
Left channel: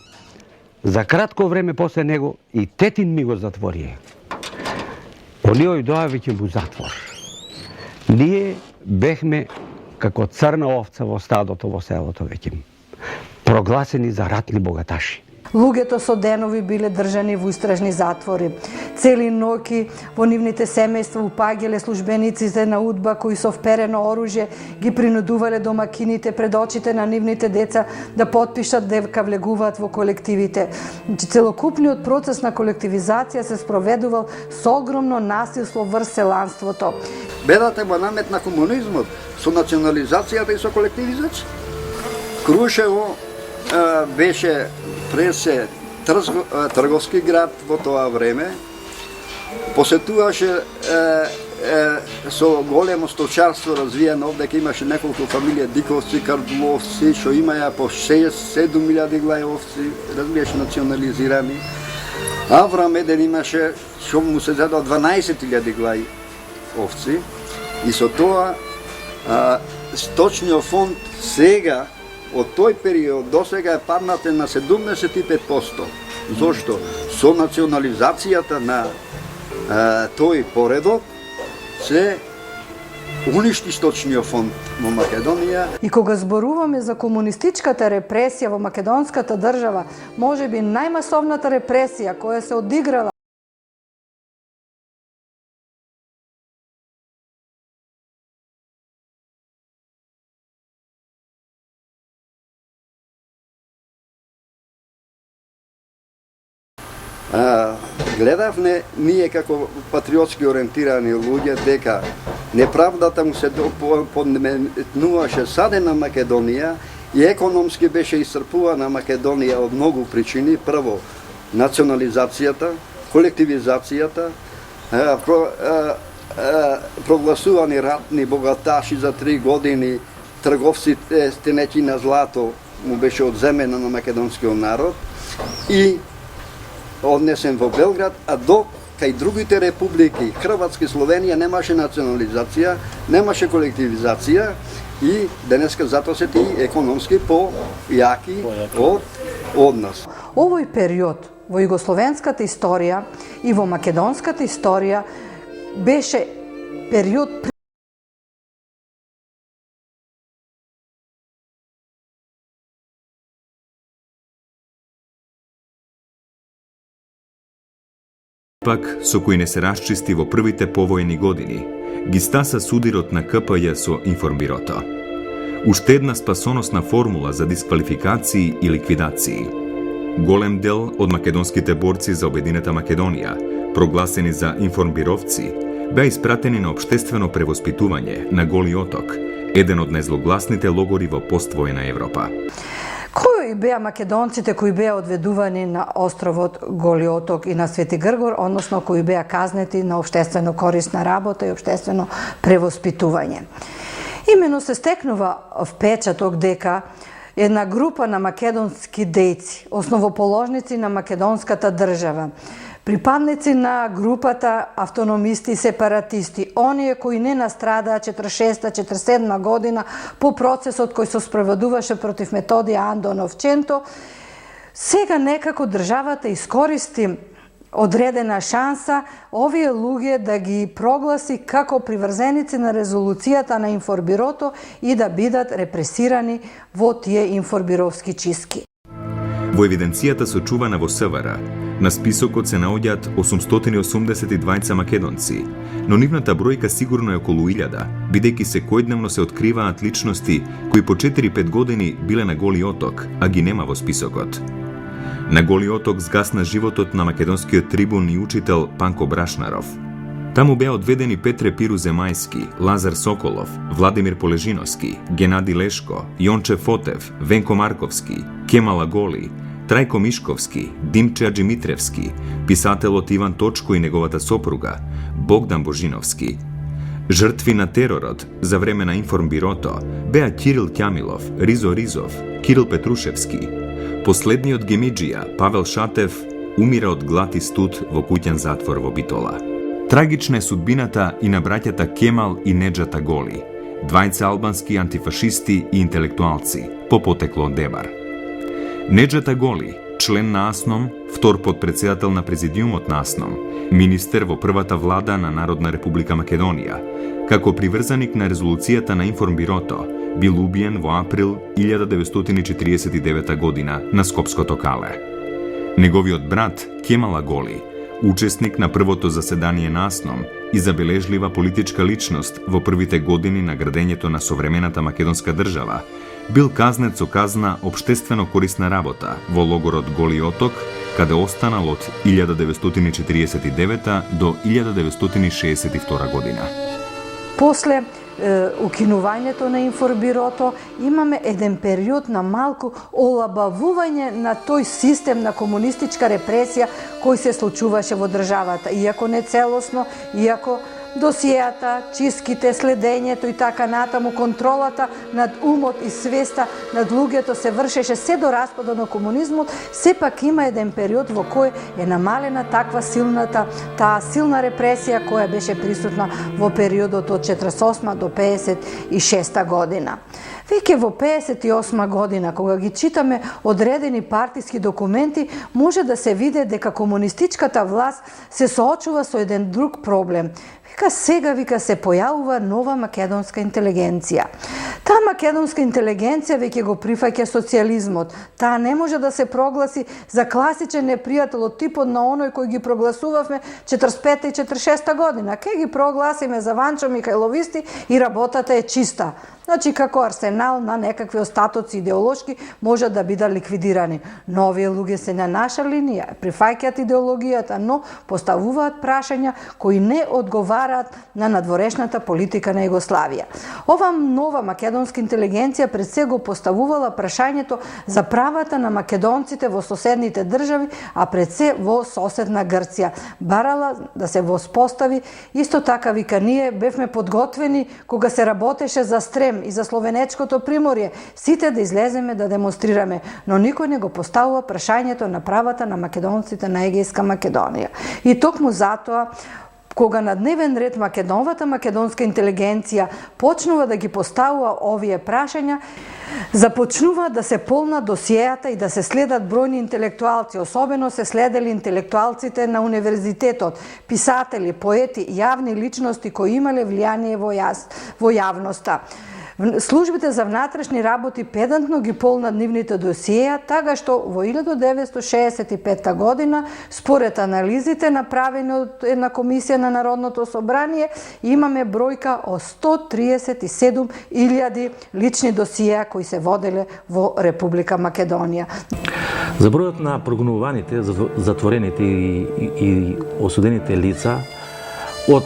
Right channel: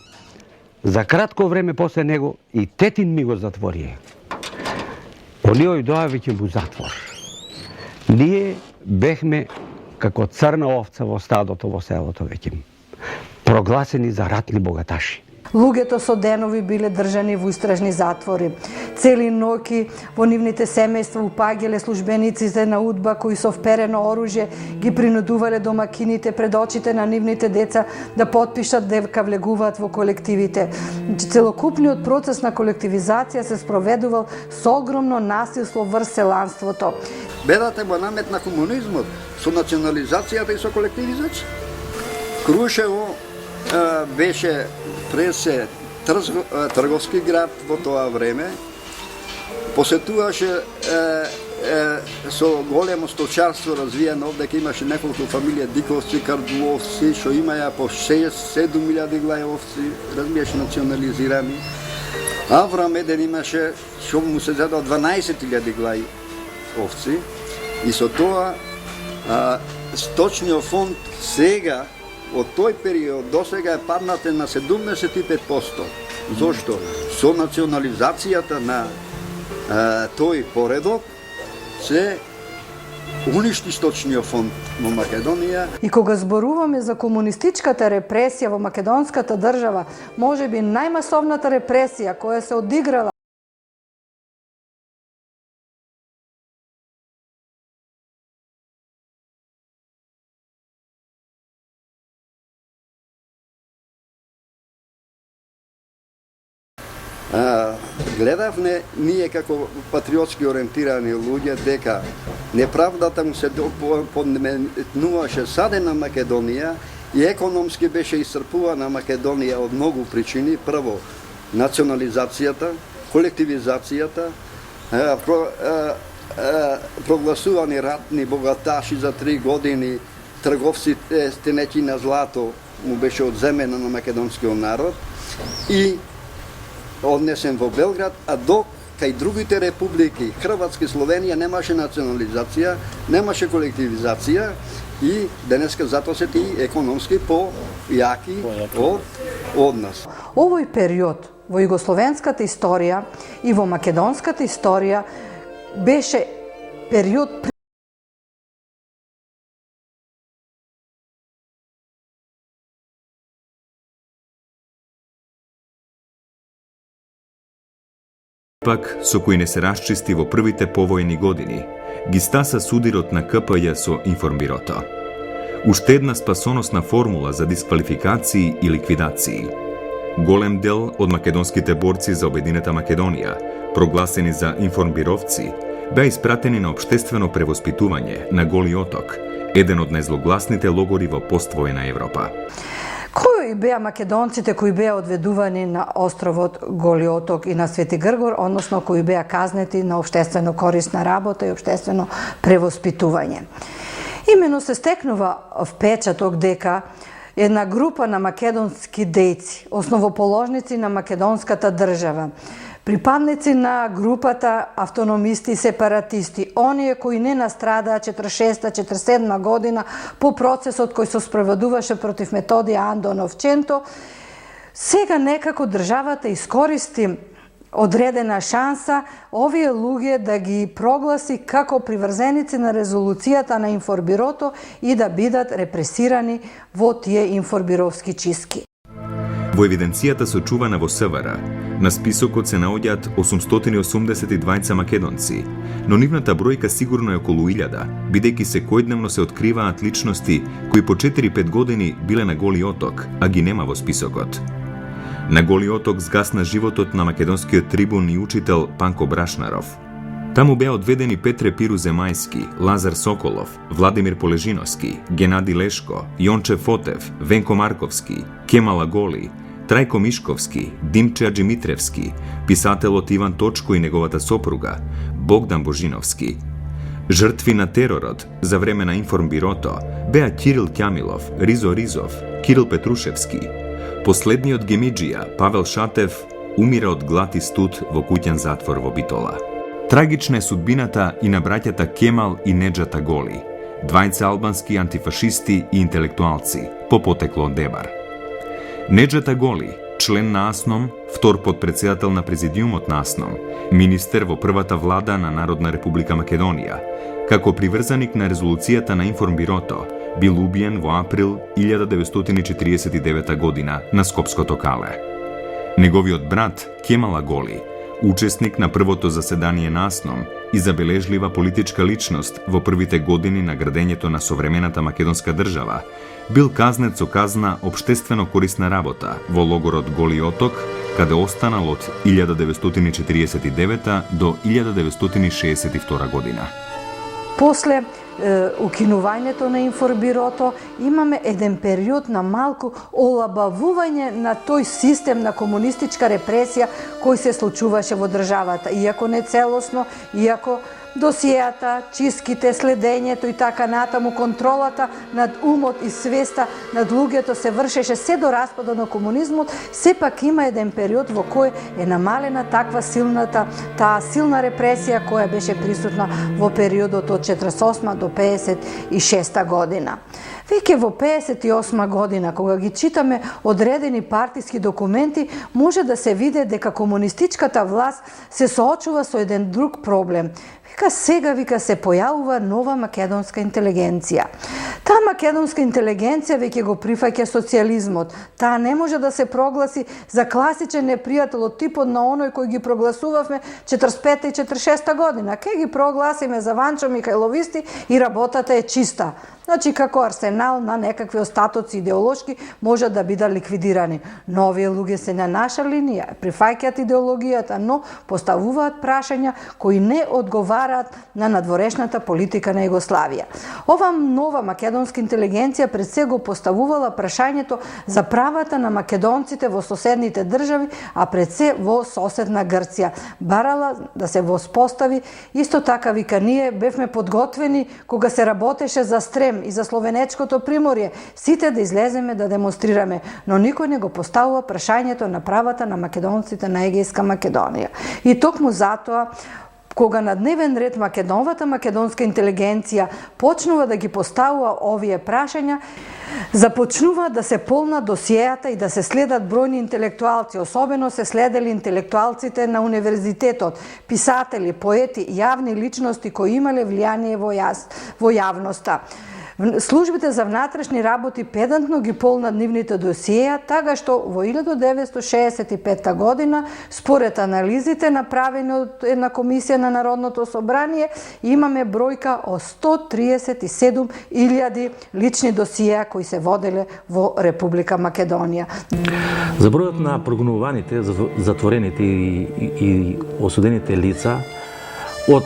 за кратко време после него и тетин ми го затворија. Оние доа веќе му затвор. Ние бехме како црна овца во стадото во селото веќе, прогласени за ратни богаташи. Луѓето со денови биле држани во истражни затвори. Цели ноќи во нивните семејства упаѓале службениците на УДБА кои со вперено оружје ги принудувале домакините пред очите на нивните деца да потпишат дека влегуваат во колективите. Целокупниот процес на колективизација се спроведувал со огромно насилство врз селанството. Бедата го наметна комунизмот со национализацијата и со колективизација. Крушево беше пресе трговски град во тоа време, посетуваше со големо сточарство развиено, овдека имаше неколку фамилија Диковци, Кардуловци, што имаја по 6-7 глави овци, разбираш, национализирани. Аврам еден имаше, што му се задал 12.000 глави овци, и со тоа сточниот фонд сега од тој период до сега е паднате на 75%. Зошто? Со национализацијата на тој поредок се уништи сточниот фонд во Македонија. И кога зборуваме за комунистичката репресија во македонската држава, можеби најмасовната репресија која се одиграла Гледавме ние како патриотски ориентирани луѓе дека неправдата му се подметнуваше саде на Македонија и економски беше исцрпувана Македонија од многу причини. Прво, национализацијата, колективизацијата, прогласувани ратни богаташи за 3 години, трговците стенеќи на злато му беше одземено на македонскиот народ и однесен во Белград, а до кај другите републики, Хрватска и Словенија, немаше национализација, немаше колективизација и денеска затоа се тие економски појаки од нас. Овој период во југословенската историја и во македонската историја беше период пак со кој не се расчисти во првите повојни години, ги стаса судирот на КПЈ со информбирото. Уште една спасоносна формула за дисквалификации и ликвидации. Голем дел од македонските борци за обединета Македонија, прогласени за информбировци, беа испратени на општествено превоспитување на Голи Оток, еден од најзлогласните логори во поствојна Европа. Кои беа македонците кои беа одведувани на островот Голи Оток и на Свети Гргор, односно кои беа казнети на општествено корисна работа и општествено превоспитување? Имено се стекнува впечаток дека една група на македонски дејци, основоположници на македонската држава, припадници на групата автономисти и сепаратисти, оние кои не настрадаа 46-47 година по процесот кој се спроведуваше против Методија Андонов Ченто, сега некако државата искористи одредена шанса овие луѓе да ги прогласи како приврзеници на резолуцијата на информбирото и да бидат репресирани во тие информбировски чистки. Во евиденцијата сочувана во СВР, на списокот се наоѓаат 882 македонци, но нивната бројка сигурно е околу 1000, бидејќи секојдневно се откриваат личности кои по 4-5 години биле на Голи Оток, а ги нема во списокот. На Голи Оток згасна животот на македонскиот трибун и учител Панко Брашнаров. Таму беа одведени Петре Пиру Земајски, Лазар Соколов, Владимир Полежиновски, Генади Лешко, Јонче Фотев, Венко Марковски, Кемала Голи, Трајко Мишковски, Димче Аджимитревски, писателот Иван Точко и неговата сопруга, Богдан Божиновски. Жртви на теророт за време на информбирото беа Кирил Ќамилов, Ризо Ризов, Кирил Петрушевски. Последниот гемиџија, Павел Шатев, умира од глад и студ во куќен затвор во Битола. Трагична е судбината и на браќата Кемал и Неџата Голи, двајца албански антифашисти и интелектуалци, по потекло од Дебар. Неџата Голи, член на АСНОМ, втор подпредседател на президиумот на АСНОМ, министер во првата влада на Народна република Македонија, како приврзаник на резолуцијата на информбирото, бил убиен во април 1949 година на Скопското кале. Неговиот брат Кемала Голи, учесник на првото заседание на АСНОМ и забележлива политичка личност во првите години на градењето на современата македонска држава, бил казнет со казна општествено корисна работа во логорот Голи Оток, каде останал од 1949 до 1962 година. После укинувањето на информбирото имаме еден период на малку олабавување на тој систем на комунистичка репресија кој се случуваше во државата, иако не целосно, иако досијата, чистките, следењето и така натаму, контролата над умот и свеста над луѓето се вршеше се до распадот на комунизмот, сепак има еден период во кој е намалена таа силна репресија која беше присутна во периодот од 48 до 56 година. Веќе во 58 година, кога ги читаме одредени партиски документи, може да се види дека комунистичката власт се соочува со еден друг проблем. Вика сега се појавува нова македонска интелигенција. Таа македонска интелигенција веќе го прифаќа социјализмот. Таа не може да се прогласи за класичен непријател од типот на оној кој ги прогласувавме 45 и 46 година. Ке ги прогласиме за Ванчо Михајловисти и работата е чиста. Значи, како арсенал на некакви остатоци идеолошки можат да бидат ликвидирани. Но овие луѓе се на наша линија, прифаќаат идеологијата, но поставуваат прашања кои не одговараат на надворешната политика на Југославија. Ова нова македонска интелигенција пред се го поставувала прашањето за правата на македонците во соседните држави, а пред се во соседна Грција. Барала да се воспостави, исто така вика ние бевме подготвени кога се работеше за Стрем и за Словенечкото приморје, сите да излеземе да демонстрираме, но никој не го поставува прашањето на правата на македонците на Егејска Македонија. И токму затоа, кога на дневен ред новата македонска интелигенција почнува да ги поставува овие прашања, започнува да се полна досиеата и да се следат бројни интелектуалци, особено се следели интелектуалците на универзитетот, писатели, поети, јавни личности кои имале влијание во јавноста. Службите за внатрешни работи педантно ги полна нивните досиеја, така што во 1965 година, според анализите направени од една комисија на Народното собрание, имаме бројка од 137.000 лични досиеја кои се воделе во Република Македонија. За бројот на прогонуваните, затворените и осудените лица од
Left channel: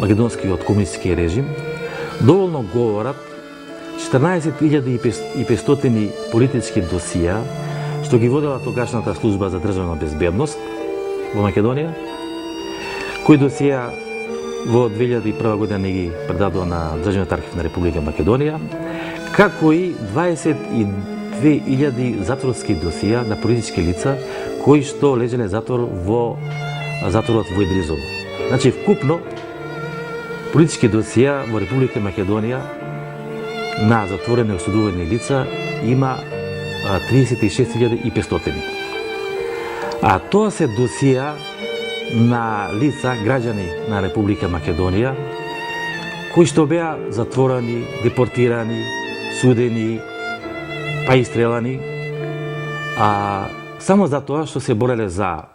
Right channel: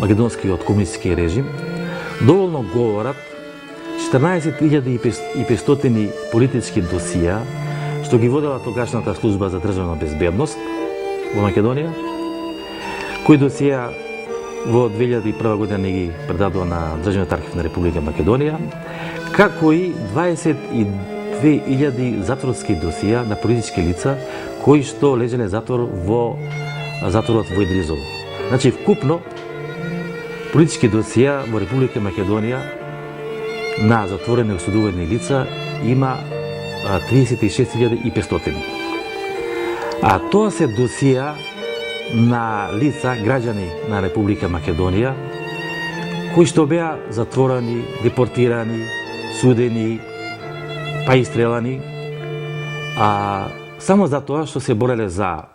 македонскиот комунистички режим доволно говорат 14.500 политички досија што ги водела тогашната служба за државна безбедност во Македонија, кои досија во 2001 година не ги предадува на Државниот архив на Република Македонија, како и 22.000 затворски досија на политички лица кои што лежеле затвор во затворот во Идризово. Значи, вкупно политички досија во Република Македонија на затворени и осудувани лица има 36.500. А тоа се досија на лица, граѓани на Република Македонија, кои што беа затворени, депортирани, судени, па и стрелани, само за тоа што се бореле за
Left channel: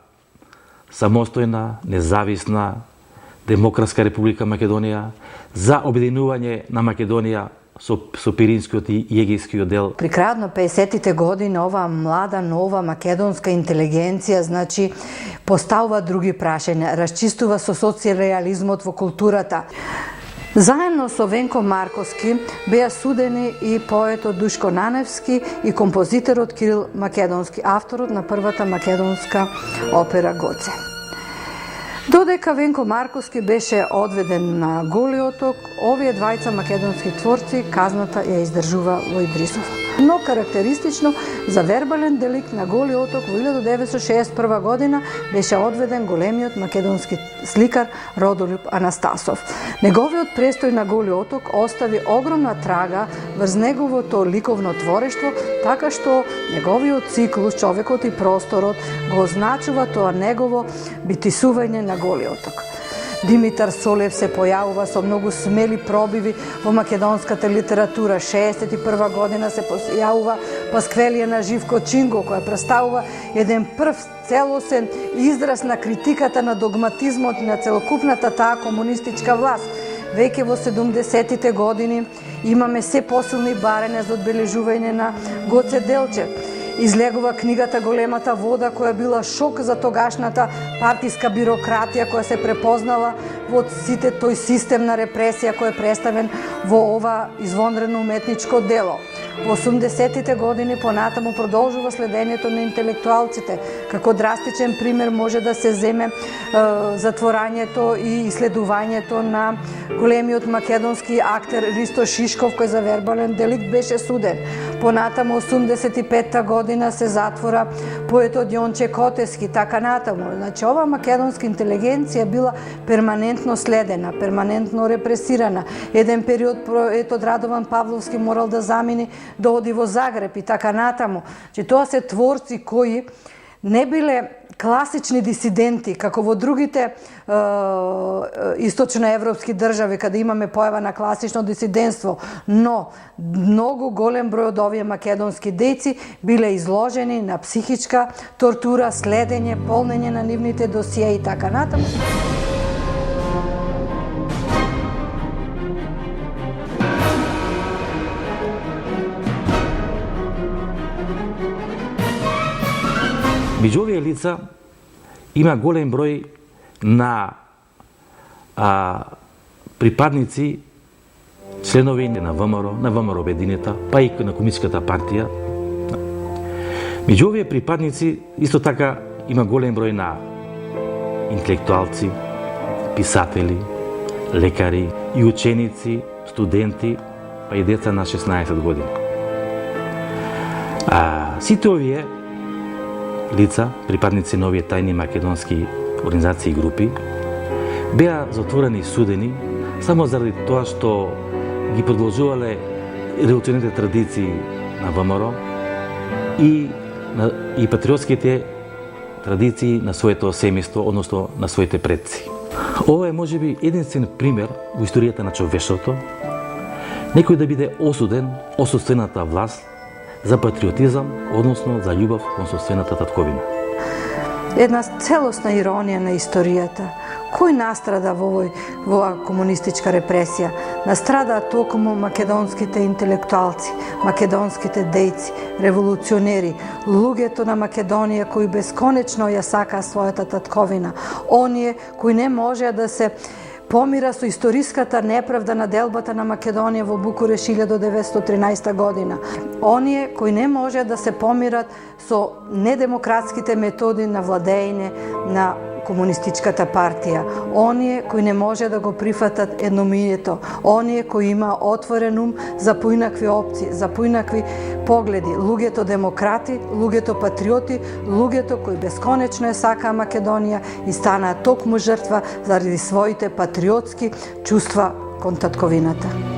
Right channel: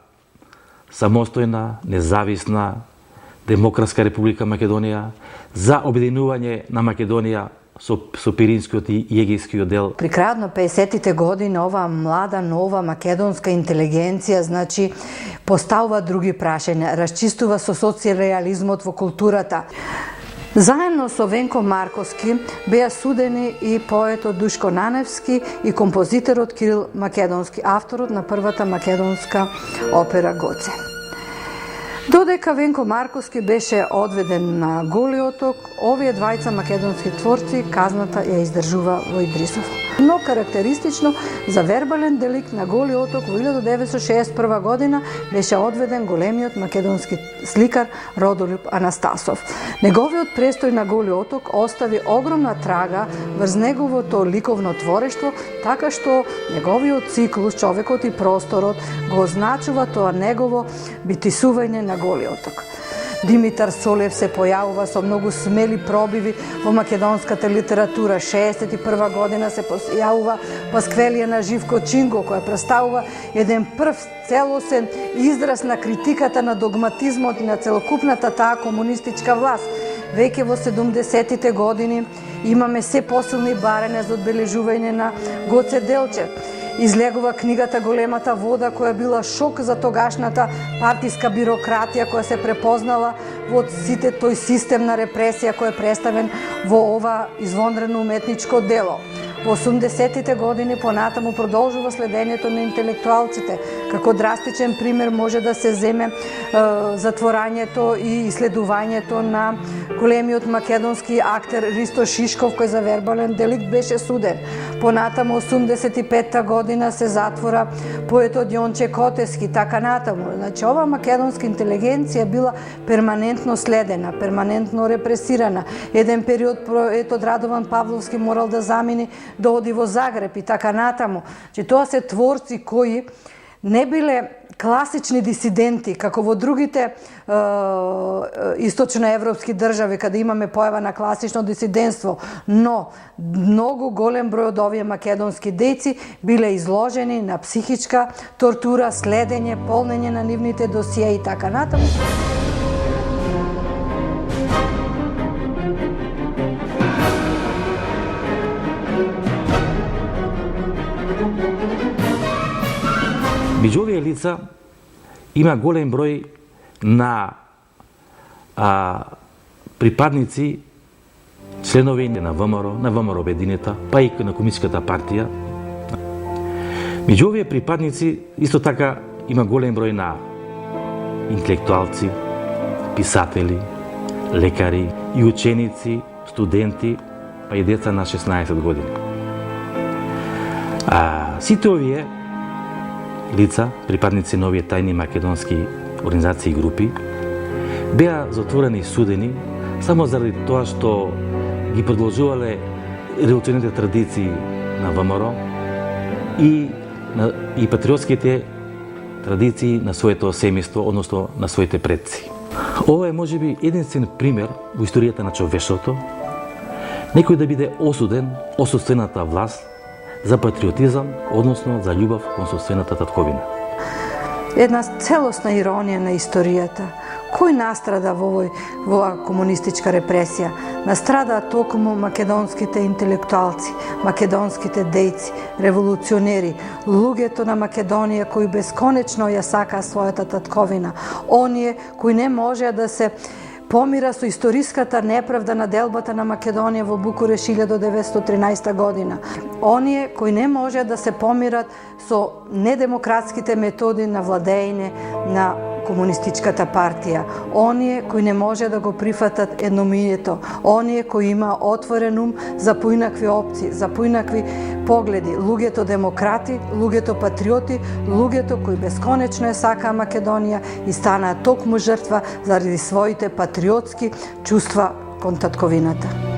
самостојна, независна, демократска Република Македонија, за обединување на Македонија со Пиринскиот и Егејскиот дел. При крајот на 50-тите години оваа млада, нова македонска интелигенција, значи, поставува други прашања, расчистува со социјализмот во културата. Заедно со Венко Марковски беа судени и поетот Душко Наневски и композиторот Кирил Македонски, авторот на првата македонска опера Гоце. Додека Венко Марковски беше одведен на Голи оток, овие двајца македонски творци казната ја издржува во Идрисово. Но карактеристично за вербален деликт на Голи оток во 1961 година беше одведен големиот македонски сликар Родолюб Анастасов. Неговиот престој на Голи оток остави огромна трага врз неговото ликовно творештво, така што неговиот циклус Човекот и просторот го означува тоа негово битисување на Голи оток. Димитар Солев се појавува со многу смели пробиви во македонската литература. 61 година се појавува Пасквелија на Живко Чинго, која представува еден прв целосен израз на критиката на догматизмот на целокупната таа комунистичка власт. Веќе во 70-тите години имаме се посилни барања за одбележување на Гоце Делчев. Излегува книгата Големата вода, која била шок за тогашната партиска бирократија, која се препознала во сите тој систем на репресија кој е представен во ова извонредно уметничко дело. Во 80-тите години понатаму продолжува следењето на интелектуалците. Како драстичен пример може да се земе затворањето и исследувањето на големиот македонски актер Ристо Шишков, кој за вербален деликт беше суден. Понатаму 85-та година се затвора поетот Јонче Котески, така натаму. Значи, ова македонска интелигенција била перманентно следена, перманентно репресирана. Еден период поетот Радован Павловски морал да замини да оди во Загреб и така натаму. Че тоа се творци кои не биле класични дисиденти, како во другите источноевропски држави, каде имаме појава на класично дисидентство, но многу голем број од овие македонски дејци биле изложени на психичка тортура, следење, полнење на нивните досие и така натаму. Меѓу овие лица има голем број на припадници, членови на ВМРО Обединета, па и на Комунистичката партија. Меѓу овие припадници исто така има голем број на интелектуалци, писатели, лекари и ученици, студенти, па и деца на 16 години. Сите овие лица, припадници на овие тајни македонски организации и групи, беа затворени и судени само заради тоа што ги продолжувале револуционерните традиции на ВМРО и патриотските традиции на своето семејство, односно на своите предци. Ова е можеби единствен пример во историјата на човештвото некој да биде осуден од сопствената власт за патриотизам, односно за љубов кон сопствената татковина. Една целосна иронија на историјата. Кој настрада во оваа комунистичка репресија? Настрадаа токму македонските интелектуалци, македонските дејци, револуционери, луѓето на Македонија кои бесконечно ја сакаа својата татковина, оние кои не можеа да се помира со историската неправда на делбата на Македонија во Букуреш 1913 година. Оние кои не можеа да се помират со недемократските методи на владење на Комунистичката партија. Оние кои не може да го прифатат едномијето. Оние кои има отворен ум за поинакви опции, за поинакви погледи. Луѓето демократи, луѓето патриоти, луѓето кои бесконечно е сакаа Македонија и станаа токму жртва заради своите патриотски чувства кон татковината.